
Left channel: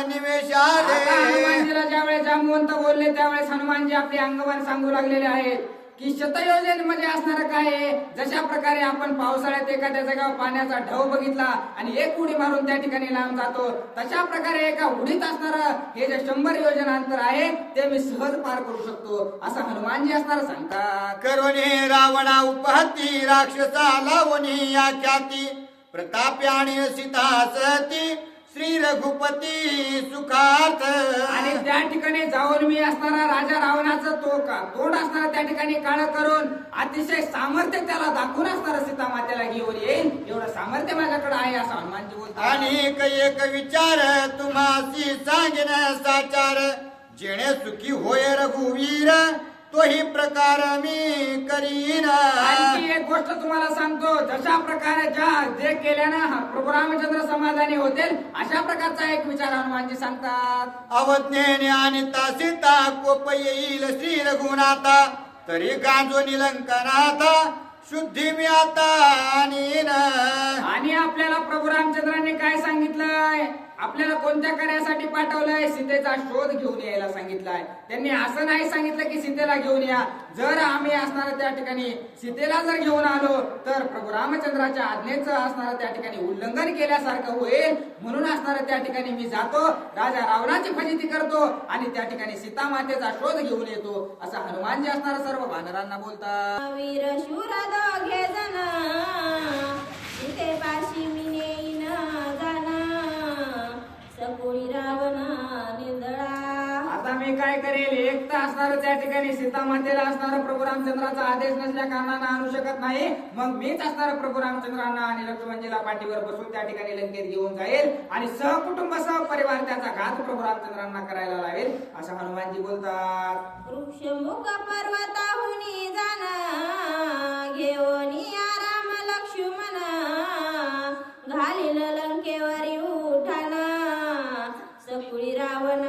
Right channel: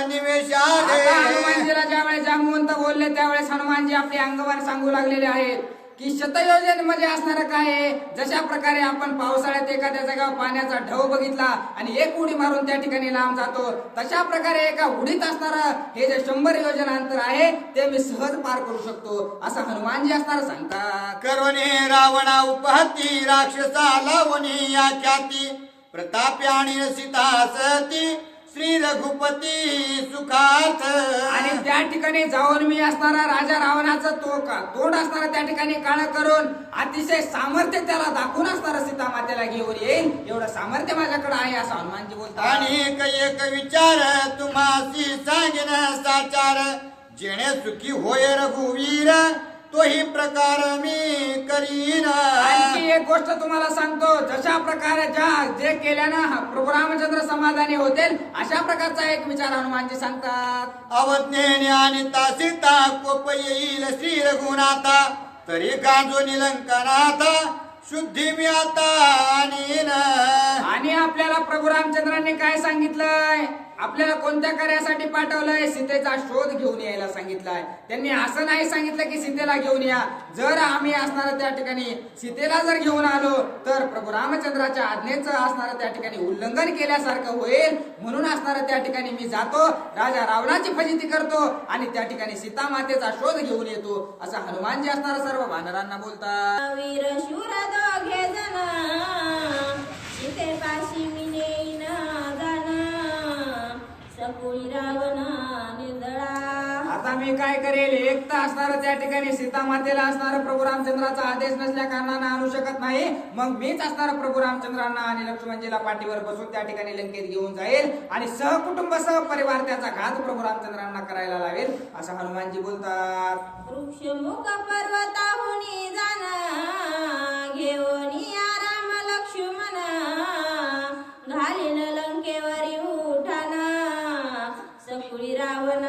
निवेश आता आले. हनुमानजीला ज्यावेळेस जांबुवंत बोलले त्यावेळेस हनुमानजी आपले अंगमान सांगू लागलेले आहेत की शतयोजनेमध्ये असणारं काय आहे. जशा प्रकारे आपण पावसाळ्यात एखाद्या जागेवर पाण्याचा ढव बघितला आणि एक उडी मारून त्या ठिकाणी लांब जातो, तशा प्रकारे एका उडीत असणारं हे जे 100 योजना अंतर आहे ते मी सहज पार करू शकतो असं हनुमानजी असणार सांगतात. करवणे रावणा उपहती राक्षसा लावणी या ख्याती प्रतापी आणि सीता सती श्री रघुपती सुखार्थ. आणि त्या ठिकाणी जाऊन मी असणारा राजा रावणाचं तोंड असणारा त्या ठिकाणी काळ करून अतिशय सामर्थ्य त्याला दाखवून असणारा सीता मातेला घेऊन येईल एवढं सामर्थ्य माझ्याकडे आहे असं हनुमानजी बोलतात. आणि एक विचार तुम्हासी सांगेन साचार जेणे सुखी होय रघुवीर तोही प्रकार मी करीन. आणखी एक गोष्ट तुम्हाला सांगतो, जशा प्रकारे जे केल्यानं प्रभू रामचंद्र समाधानी होतील अशा प्रकारचा एक विचार हनुमानजी सांगतात. अवज्ञेने आणि सीता कोप येईल श्री रघुनाथा तरी गांजो निलंकनाथा शुद्धी मी आता आणीन. आणि आपल्याला प्रभू रामचंद्रांनी काय सांगितलंय, आपल्याला कोणत्या कार्यासाठी पाठवलंय, सीतेचा शोध घेऊन यायला सांगितलाय. त्यांनी असं नाही सांगितलं की सीतेला घेऊन या. जर आम्ही असणार त्या ठिकाणी सीतेला जर घेऊन आलो तर प्रभू रामचंद्राच्या आज्ञेचं असणार त्या ठिकाणी उल्लंघन केल्यासारखं होईल, म्हणून असणार त्या ठिकाणी मी जातो, राजा रावणाची फजिती करतो आणि त्या ठिकाणी सीता मातेचा शोध घेऊन येतो असं हनुमानजी असणार सर्व वानरांना बोलतात. वीर शूर दोघे जण सीतेपाशी मी नेईन जाण सकुळी रावण निंदळा. आता मी काय करेल, एक तर असणार त्या ठिकाणी सीता मातेला असणार प्रभू रामचंद्राचा आदेश नसल्या कारणानं आणू शकत नाही, मग मीच असणार प्रभू रामचंद्रांना आणि लक्ष्मणजीला पाठीवर बसून त्या ठिकाणी लंकेत घेऊन जाईल आणि सहकुटुंब सहपरिवार त्याचा घात प्रभू रामचंद्रांना करायला लावेल असं हनुमानजी बोलतात. वृक्षमुख पर्वताहुनी जाण घेऊन राम लक्ष्मण घालील लंकेवरी उठाण सकुळी रावण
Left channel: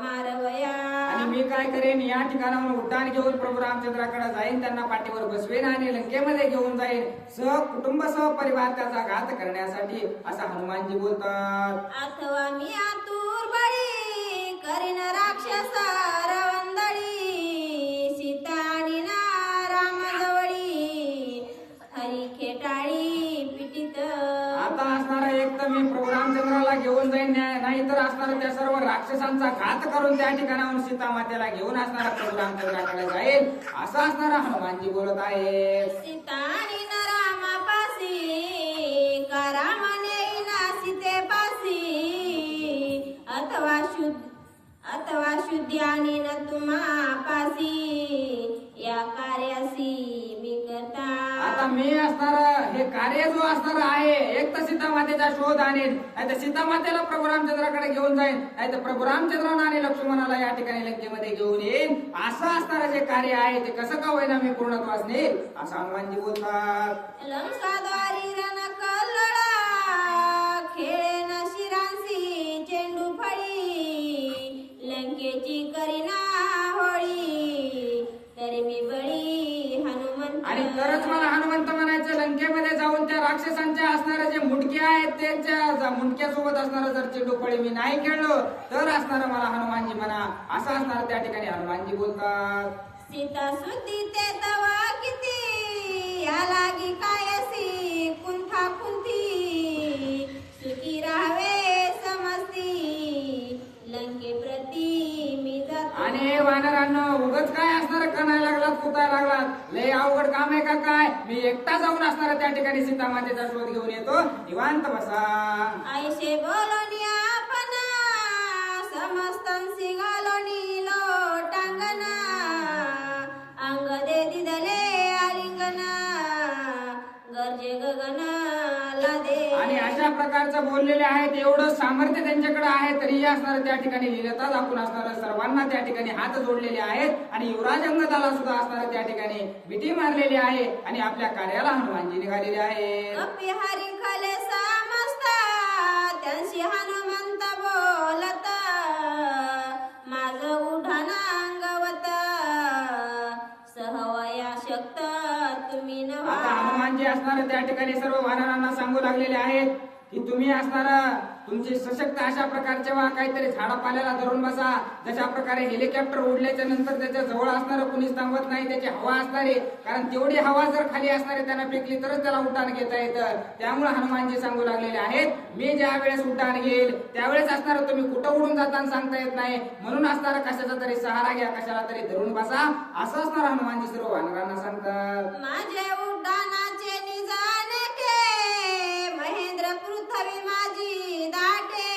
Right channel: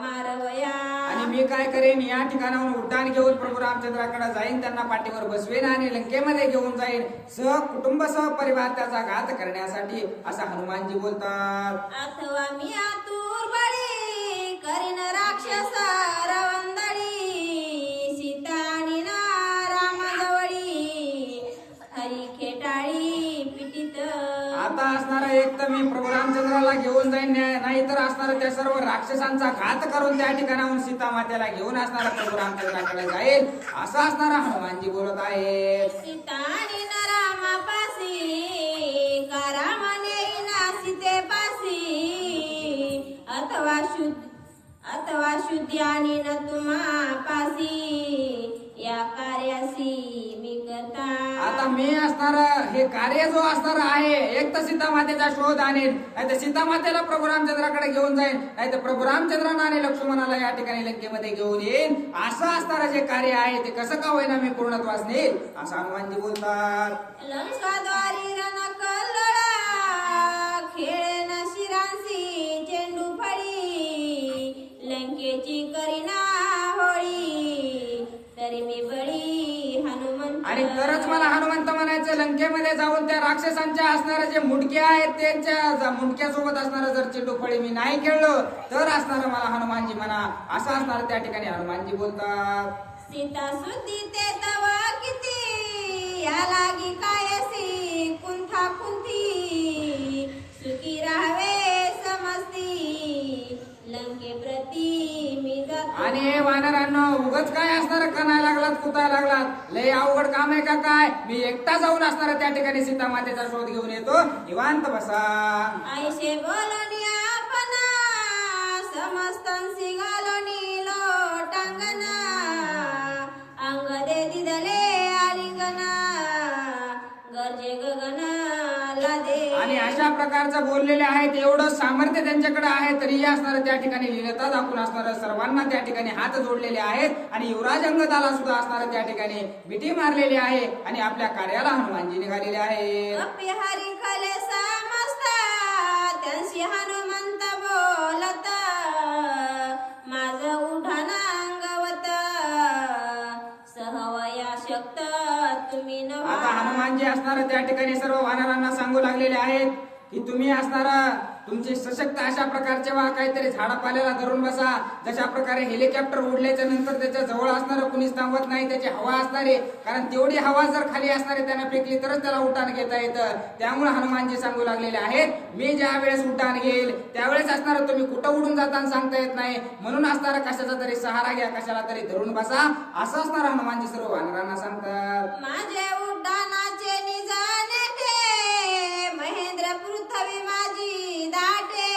मारवया. आणि मी काय करेन, या ठिकाणाहून उड्डाण घेऊन प्रभू रामचंद्राकडे जाईन, त्यांना पाठीवर बसवेन आणि लंकेमध्ये घेऊन जाईन सहकुटुंब सहपरिवार त्याचा घात करण्यासाठी असं हनुमानजी बोलतात. अथवा मी आतुर बळी करीन राक्षस रवंदळी सीता आणि राम जवळी हरी खेटाळी पिटीत. आता असणार एक तर मी प्रभू रामचंद्राला घेऊन जाईन, नाही तर असणार त्या सर्व राक्षसांचा घात करून त्या ठिकाणाहून सीता मातेला घेऊन असणारा प्रभू रामचंद्राकडे जाईल असं असणारा हनुमानजी बोलत आहे. सीता आणि रामापासी का राम नेईना सीतेपासी अथवा शुद्धी आणि न तुम्हापासी या कार्यासी मी करता. आता मी असणार हे कार्य जो असणार आहे, एक तर सीता मातेचा शोध आणेल, नाही तर सीता मातेला प्रभू रामचंद्राकडे घेऊन जाईल, नाही तर प्रभू रामचंद्रांना आणि लक्ष्मणाला या ठिकाणी लंकेमध्ये घेऊन येईल असं असणारं जे कार्य आहे ते कसं का होईना मी पूर्णत्वास नेईल असं हनुमानजी बोलतात. लंकाद्वारी रणकल्लोळा खेळेन शिरांसी चेंडू फळी लंकेची करीना होळी तरी मी बळी हनुमंत. आणि तरच मला हनुमंत म्हणायचं, लंकेमध्ये जाऊन त्या राक्षसांच्या असणारे जे मुंडके आहेत त्यांच्या मुंडक्यासोबत असणारं जर चेंडूफळी मी नाही खेळलो तर असणार मला हनुमानजी म्हणा असं असणार त्या ठिकाणी हनुमानजी बोलतात. सीता सुद्धी ते तवा किती या लागी कायसी कुंथा कुंथी सुखी राहावे समजती लंके प्रती मी जातो. आणि हे वानरांनो उगच काय असणार कणाय लागलात कुताय लागलात, लय अवघड काम आहे का काय, मी एकटा जाऊन असणार त्या ठिकाणी सीता मातेचा शोध घेऊन येतो, निवांत बसा. आईशे बोलणी आपण समस्तांसी घालोनी लोटांगणा अंग दे दिदले आलिंगना गरजे गगनाला दे. आणि अशा प्रकारचं बोललेले आहेत, एवढं सामर्थ्य त्यांच्याकडे आहे तरी असणार त्या ठिकाणी लीलता दाखवून असणार सर्वांना त्या ठिकाणी हात जोडलेले आहेत आणि युवराज अंगदाला सुद्धा असणार त्या ठिकाणी मिठी मारलेली आहे आणि आपल्या कार्याला हनुमानजी निघालेले आहे. कपी हरी खले समजता त्यांशी हनुमंत बोलता माझं उठाना अंगवत सहवया शक्त तुम्ही आता नव्हा. हनुमानजी असणार त्या ठिकाणी सर्व वानरांना सांगू लागलेले आहेत की तुम्ही असणारा तुमचे सशक्त अशा प्रकारचे वा काहीतरी झाडापाल्याला धरून बसा. जशा प्रकारे हेलिकॉप्टर उडल्याच्या नंतर त्याच्या जवळ असणारं कुणीच थांबत नाही, त्याची हवा असणारे, कारण तेवढी हवा जर खाली असणारे त्यांना फेकली तरच त्याला उड्डाण घेता येतं. त्यामुळे हनुमानजी सांगू लागलेले आहेत, मी ज्या वेळेस उड्डाण घेईल त्यावेळेस असणार तुम्ही कुठं उडून जाताना सांगता येत नाही, म्हणून असणार कशाचा तरी सहारा घ्या, कशाला तरी धरून बसा, असं असणार हनुमानजी सर्व वानरांना सांगतात. माझ्या उड्डाणाचे निजाने ठे, महेंद्र पृथ्वी माझी दाटे,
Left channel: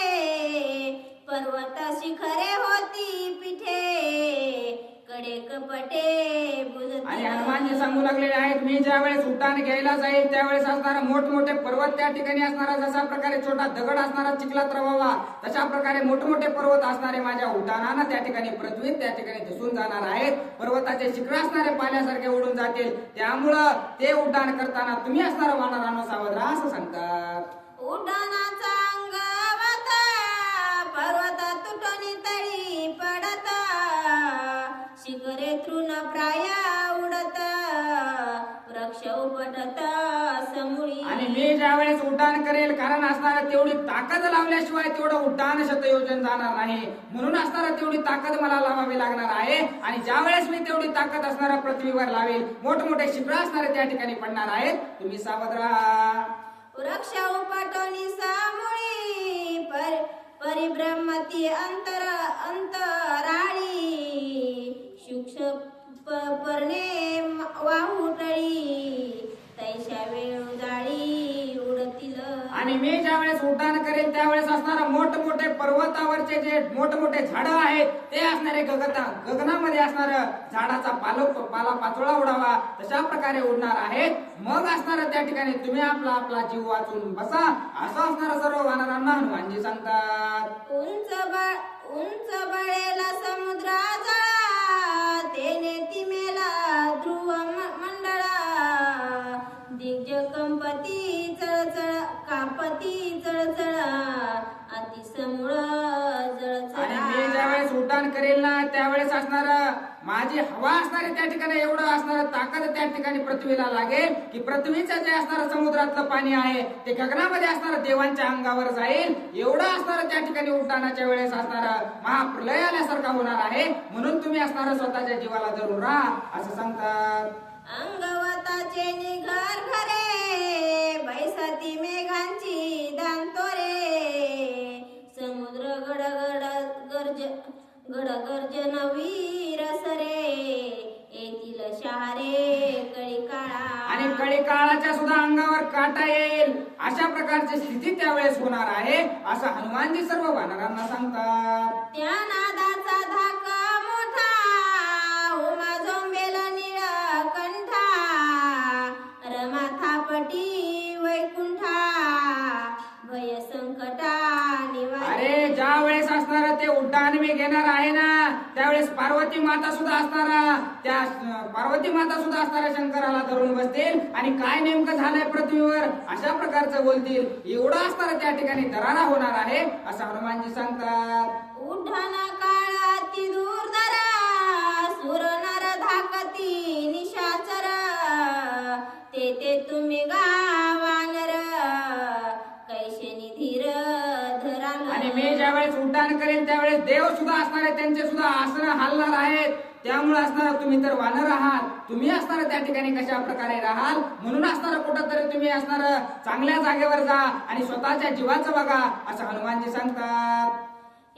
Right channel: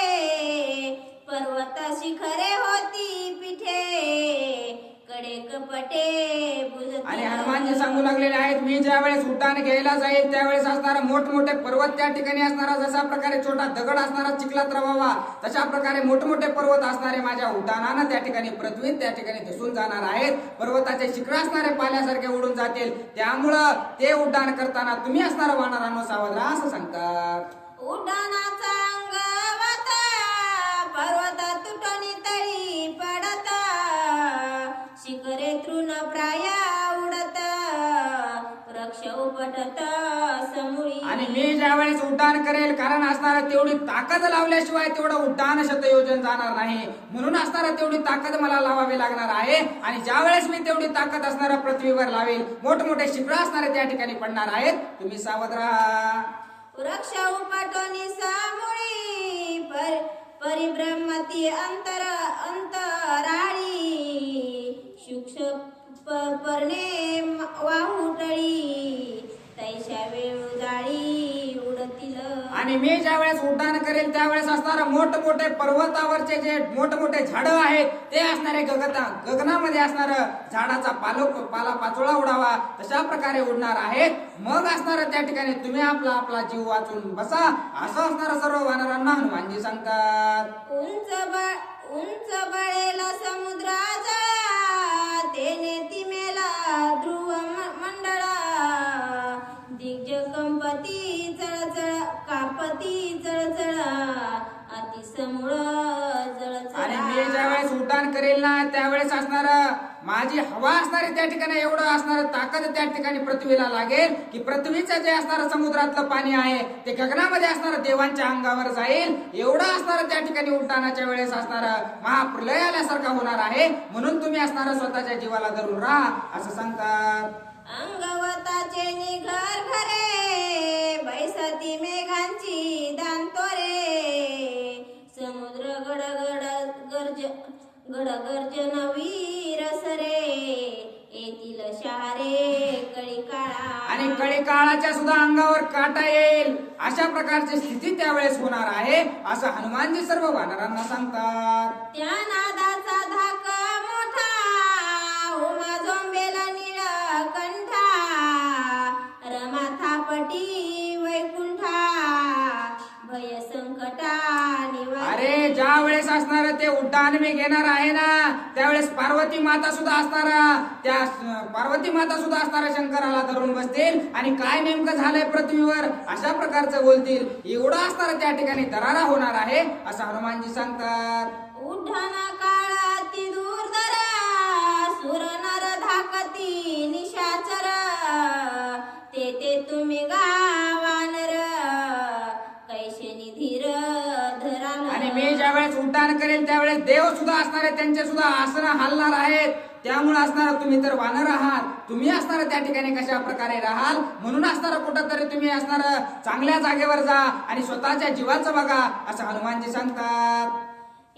पर्वत शिखरे होती पिठे, कडे कपटे बुजती. आणि हनुमानजी सांगू लागलेले आहेत, मी ज्या वेळेस उड्डाण घ्यायला जाईल त्यावेळेस असणारा मोठमोठे पर्वत त्या ठिकाणी असणारा, जसा प्रकारे छोटा दगड असणारा चिखलात रवावा तशा प्रकारे मोठमोठे पर्वत असणारे माझ्या उड्डाणानं त्या ठिकाणी पृथ्वीत त्या ठिकाणी धसून जाणार आहेत. पर्वताचे शिखर असणारे पाण्यासारखे उडून जातील. त्यामुळं ते उड्डाण करताना तुम्ही असणारा वानरांनो सावध राहा असं सांगतात. उड्डाणाचा अंगवता, पर्वत तुटून तळी पडता, शिखरे तृण प्राय उडत, वृक्ष उपटत समुळी. आणि मी ज्या वेळेस उड्डाण करेल, कारण असणारा तेवढी ताकद लावल्याशिवाय तेवढं उड्डाण शतयोजन जाणार नाही, म्हणून असणारा तेवढी ताकद मला लावावी लागणार आहे. आणि ज्या वेळेस मी तेवढी ताकद असणाऱ्या पृथ्वीवर लावेल, मोठमोठे शिखर असणारे त्या ठिकाणी पडणार आहेत, तुम्ही सावध राहा. वृक्ष उपटोनी सामुळी, परिभ्रमती अंतराळी, सूक्ष्म पर्णे वाहुटळी, तैशा वेळू जाळी उडतील. आणि मी ज्या वेळेस उड्डाण करेल त्यावेळेस असणारा मोठमोठे पर्वतावरचे जे मोठमोठे झाडं आहेत ते असणारे गगनामध्ये असणार झाडाचा पाला पाचोळा उडावा तशा प्रकारे उडणार आहेत. मग असणार त्या ठिकाणी तुम्ही आपला आपला जीव वाचून बसा, असं असणार सर्व वानरांना हनुमानजी सांगतात. उंच बळेला समुद्राचा, तेने तिमेला ध्रुव मंडळा, दिग्ज कंपती चळचळ कापती चळचळ, अतिसमुळ जळचळ. आणि मी ज्या वेळेस उड्डाण करेल ना त्यावेळेस असणार माझी हवा असणारी त्या ठिकाणी एवढं असणार ताकद त्या ठिकाणी पृथ्वीला लागेल की पृथ्वीचं जे असणार समुद्रातलं पाणी आहे ते गगनामध्ये असणार देवांच्या अंगावर जाईल. एवढं असणार त्या ठिकाणी उड्डाणाच्या वेळेस असणार महाप्रलय आल्यासारखा होणार आहे, म्हणून तुम्ही असणार स्वतःच्या जीवाला धरून राहा असं सांगतात. अंगवताचे निघर घरे, बैसाती मेघांची दांतोरे, समुद्र गडगर्जन वीर सरे, येतील शहारे कळी काळा. आणि कळी काळाच्या सुद्धा अंगावर काटा येईल अशा प्रकारची स्थिती त्यावेळेस होणार आहे असं हनुमानजी सर्व वानरांना सांगतात. त्या नादाचा धाका मोठा, उमा झोंबेला नीळकंठा, रमा थापटी वैकुंठा, भय संकटा निवारा. अरे ज्या वेळेस असणार ते उड्डाण मी घेणार आहे ना त्यावेळेस पार्वती माता सुद्धा असणारा, त्या पार्वती माता सुद्धा असणारा शंकराला धरून बसतील आणि काय नेमकं झालंय पृथ्वीवर अशा प्रकारचं बोलतील. एवढं असणार त्या ठिकाणी दरारा होणार आहे असं हनुमानजी सांगतात. उड्डाण काळाती दूरदरा, सुर नर धाकती निशाचर, ते तुम्ही गावानर, कैशेनी धीर धराल. आणि मी ज्या वेळेस उड्डाण करेल त्यावेळेस देव सुद्धा असणार आहे, त्यांचे सुद्धा आसनं हलणार आहेत. त्यामुळे असणार तुम्ही तर वानर आहात, तुम्ही असणार त्या ठिकाणी कशा प्रकारे राहाल, म्हणून असणार कुठं तरी तुम्ही असणार चांगल्या जागेवर जा आणि स्वतःच्या जीवाचं बघा असं हनुमानजी सांगतात.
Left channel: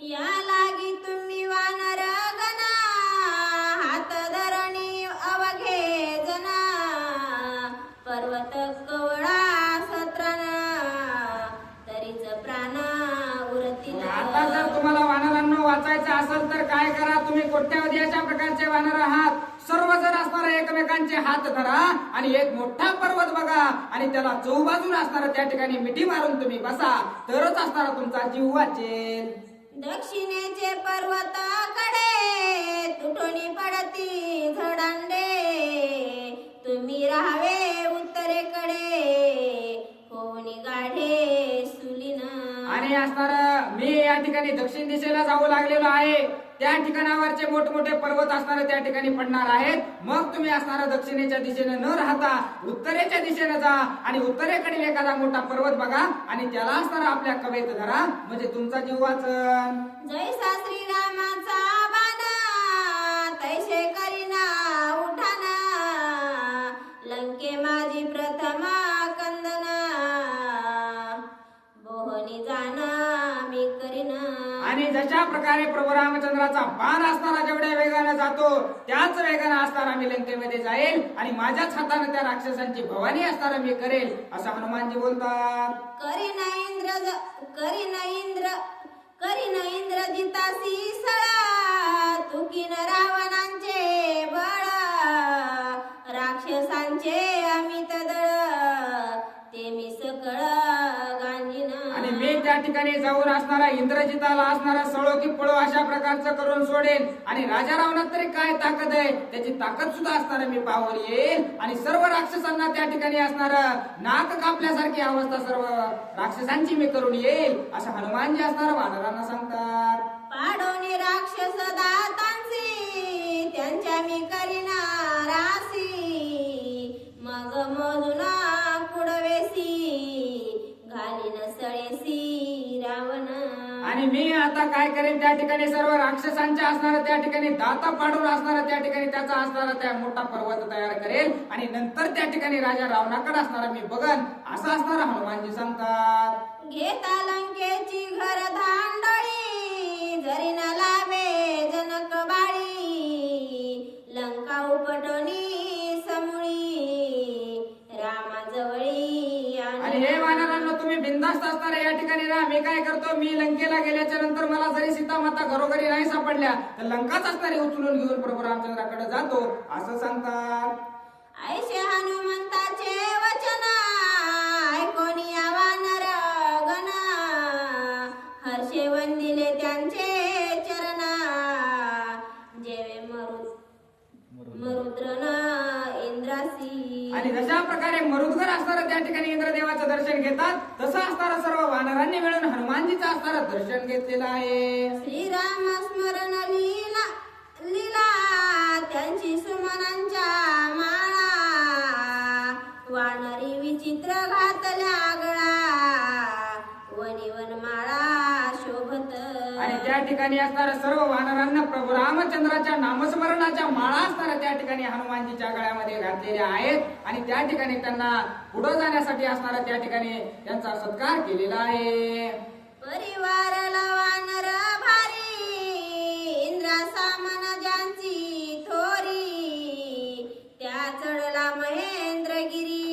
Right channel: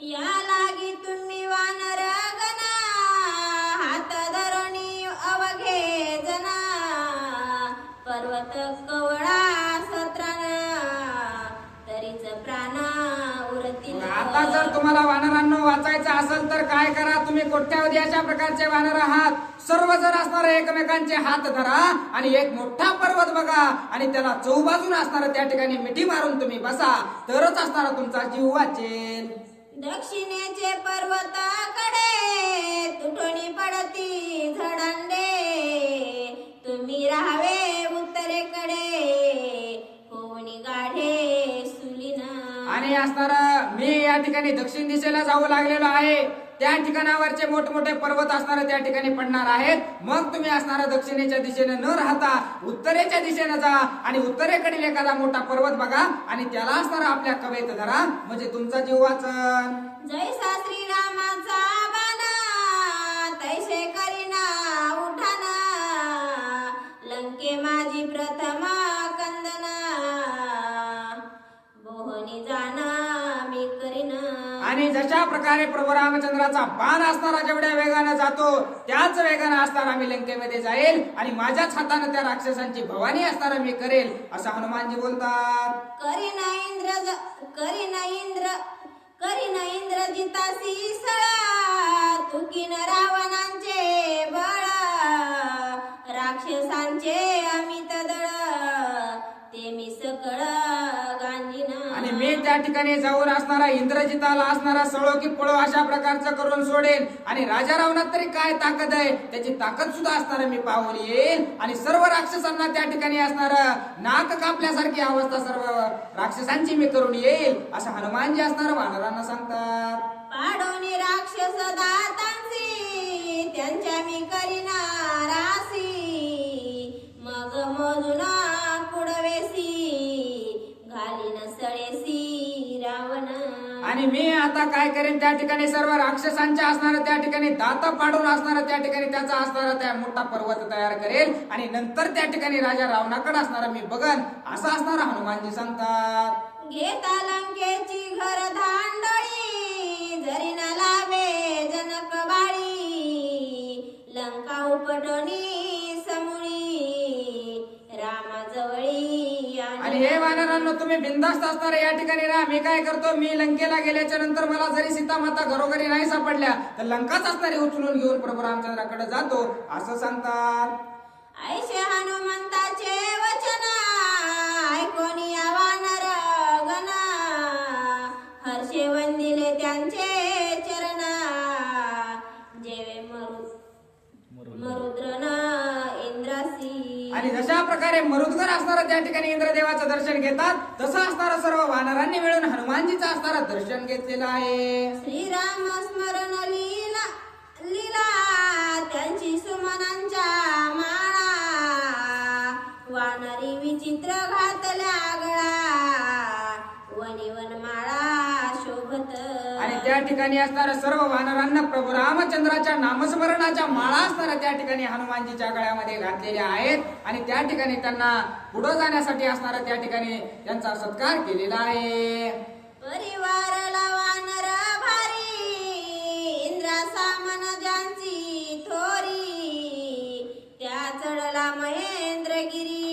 या लागी तुम्ही वानर गणा, हात धरणी अवघे जना, पर्वत कवळा सत्राना, तरीच प्राण उरतील. आता जर तुम्हाला वानरांना वाचायचं असेल तर काय करा, तुम्ही कोट्यावधी अशा प्रकारचे वानर आहात, सर्व जर असणार एकमेकांचे हात धरा आणि एक मोठा पर्वत बघा आणि त्याला चौबाजून असणार त्या ठिकाणी मिठी मारून तुम्ही बसा, तरच असणार तुमचा जीव वाचेल. दक्षिणेचे पर्वताकडे, तुटोनी पडती झडांडे, तुम्ही राहावे उत्तरेकडे, कोणी गाढे सुलीना. आणि असणार मी या ठिकाणी दक्षिण दिशेला जाऊ लागलेलो आहे, त्या ठिकाणावरचे मोठमोठे पर्वत असणारे त्या ठिकाणी पडणार आहेत. मग तुम्ही असणारा दक्षिणेच्या दिशेने न राहता उत्तरेच्या दिशेने जा आणि उत्तरेकडील एखादा मोठा पर्वत बघा आणि त्याला असणारा आपल्या कवेत धरा, म्हणजे तुमचा जीव वाचन. जैसा श्रीरामाचा बाणा तैसे करीना उठाना, लंके माझी प्रथम कंदना, बोहनी जाना मी करीना. आणि जशा प्रकारे प्रभू रामचंद्राचा बाण असणारा जेवढ्या वेगाने जातो त्याच वेगाने असणारा मी लंकेमध्ये जाईल आणि माझ्याच हाताने त्या राक्षसांची भवानी असणारा मी करेल, असं हनुमानजी बोलतात. करीन इंद्रजितासी सळा, तुकीन रावणांचे बळ, राक्षसांचे अमित दळ, ते मी सकळ गांजीन. आणि मी त्या ठिकाणी जाऊन असणारा इंद्रजिताला असणारा सळो की पळो अशा प्रकारचं करून सोडेन. आणि राजा रावणात तरी काय ताकद आहे त्याची ताकद सुद्धा असणारा मी पाहून येईल आणि सर्व राक्षसांना त्या ठिकाणी असणार नाक कापल्यासारखी अवस्था सर्व राक्षसांची मी करून येईल, असं हनुमानजी असणार वानरांना सांगतात. पाडोनी राक्षस दातांची त्यांच्या मी करीना रासी, मग मोजून कुडवेसी घालीन सळेसी रावण. आणि मी आता काय करेन त्या ठिकाणी सर्व राक्षसांच्या असणारा त्या ठिकाणी दाता पाडून असणारा त्या ठिकाणी त्याचा असणारा त्या मोठा पर्वत तयार करेल आणि नंतर त्या ठिकाणी राजा रावणाकडे असणारा मी बघन, असं असणारा हनुमानजी सांगतात. घेता लंकेची घर धांडळी, जरी न लावे जनक बाळी, लंका उपटोनी समुळी, रामाजवळी. आणि हे वानरांनो तुम्ही बिनधास्त असणारे या ठिकाणी राहा. मी काय करतो, मी लंकेला गेल्याच्या नंतर मला जरी सीता माता घरोघरी नाही सापडल्या तर लंकाच असणारी उचलून घेऊन प्रभू रामचंद्राकडे जातो, असं सांगतात. ऐशे हनुमंताचे वचन ऐकोनी वानर गण, हर्षे वंदिले त्यांचे चरण, जेवे मरुद्रन इंद्रासी. आणि जशा प्रकारे मरुदगर असणारा त्या ठिकाणी इंद्रदेवाचं दर्शन घेतात तसं असणारं सर्व वानरांनी मिळून हनुमानजीचं असणारं दर्शन घेतलेलं आहे. श्रीराम स्मरण लीला लीला त्यांची सुमनांच्या माळा, वानरी विचित्र घातल्या गळा, वनिवन माळा शोभत. आणि त्या ठिकाणी असणाऱ्या सर्व वानरांना प्रभू रामचंद्राच्या नामस्मरणाच्या माळा असणाऱ्या त्या ठिकाणी हनुमानजीच्या गळ्यामध्ये घातलेल्या आहेत आणि त्या ठिकाणी त्यांना पुढे जाण्यासाठी असणारा त्या ठिकाणी त्यांचा सत्कार केलेला आहे. परिवाराला वानर भारी, इंद्रा सामन ज्यांची थोरी, त्या चढला महेंद्रगिरी,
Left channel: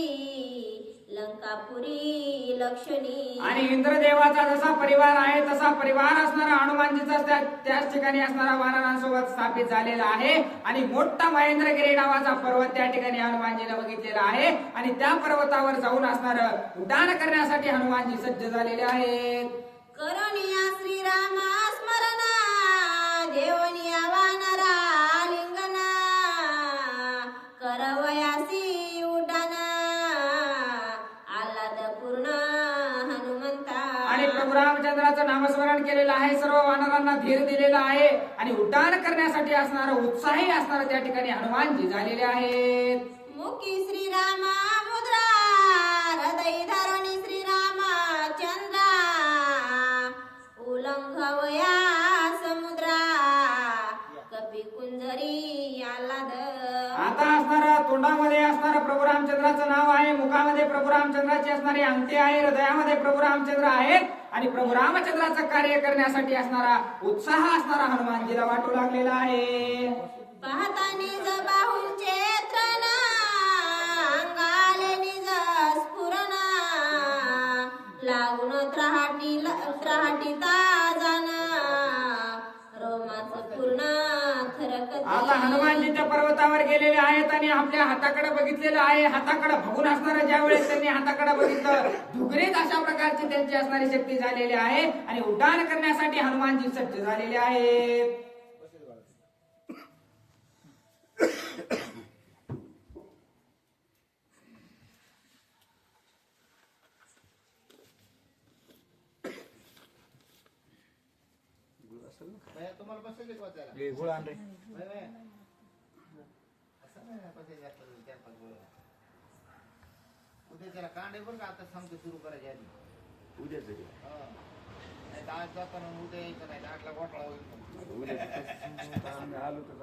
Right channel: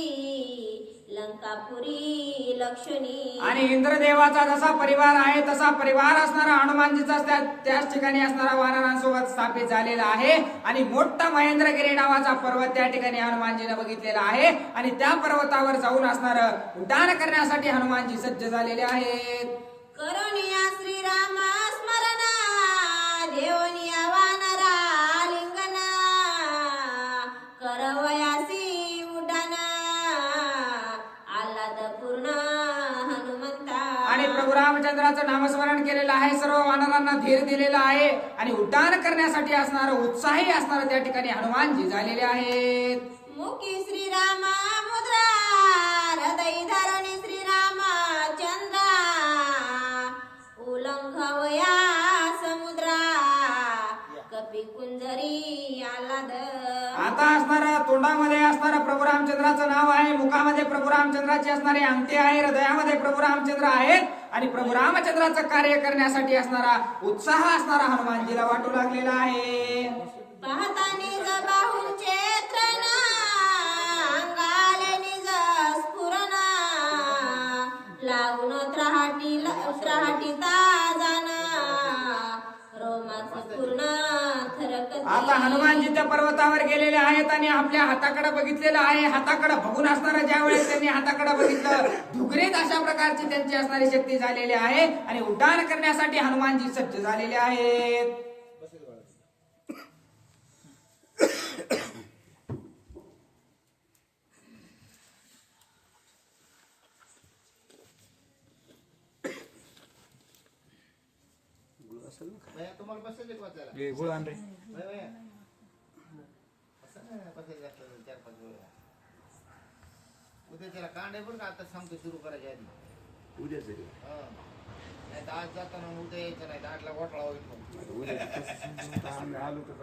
लंकापुरी लक्ष्मी. आणि इंद्रदेवाचा जसा परिवार आहे तसा परिवार असणारा हनुमानजीचा त्याच ठिकाणी असणारा वानरांसोबत स्थापित झालेला आहे. आणि मोठा महेंद्रगिरी नावाचा पर्वत त्या ठिकाणी हनुमानजीने बघितलेला आहे आणि त्या पर्वतावर जाऊन असणार उड्डाण करण्यासाठी हनुमानजी सज्ज झालेले आहेत. करुणिया श्रीराम स्मरण, देवनिया वानरा लिंगन, करवयासी उड्डाण, आल्हाद पूर्ण हनुमंता. आणि प्रभू रामचंद्राचं नामस्मरण केलेलं आहे, सर्व वानरांना धीर दिलेला आहे आणि उड्डाण करण्यासाठी असणारं उत्साही असणारं त्या ठिकाणी हनुमानजी झालेले आहेत. मुखी श्रीराम मुद्रा, हृदय धरुणी श्रीराम चंद्रा, उल्लंघवया समुद्रा, कपी कुंजरी आल्हाद. आता असणारा तोंडामध्ये असणारा प्रभू रामचंद्राचं नाव आहे, मुखामध्ये प्रभू रामचंद्राची असणारी अंगठी आहे, हृदयामध्ये प्रभू रामचंद्र आहेत आणि प्रभू रामचंद्राचं कार्य करण्यासाठी असणारा उत्साह असणारा हनुमानजीला वाटू लागलेला आहे. पाहता निज बाहूंचे तृण, अंगाले निज स्फुरण, लागून त्राहटीता जाण, रोमाच पूर्ण थरकते. आता हनुमानजी त्या पर्वतावर गेलेले आहेत आणि आपल्या हाताकडे बघितलेलं आहे. हाताकडे बघून असणारं ज्या वेळेस त्यांनी हाताकडे बघितलं धुगरीत अशा प्रकारची त्यांची असणारी शक्ती झालेली आहे आणि उड्डाण करण्यासाठी हनुमानजी सज्ज झालेले आहेत. भैया, तुम्हाला बसायचे का वाचायला? हे गुळ आण रे. भैया, असं नाही बसायचं असतं 4-5 वेळा. उद्या त्याला कांडे बरं का, आता सांगतो सुरू करायच्या आधी. उद्याच रे. हा. नाही तर आज जाताना उद्या यायचं नाही, 8ला घोटाळा होईल मग. उद्या आम्ही आलो तर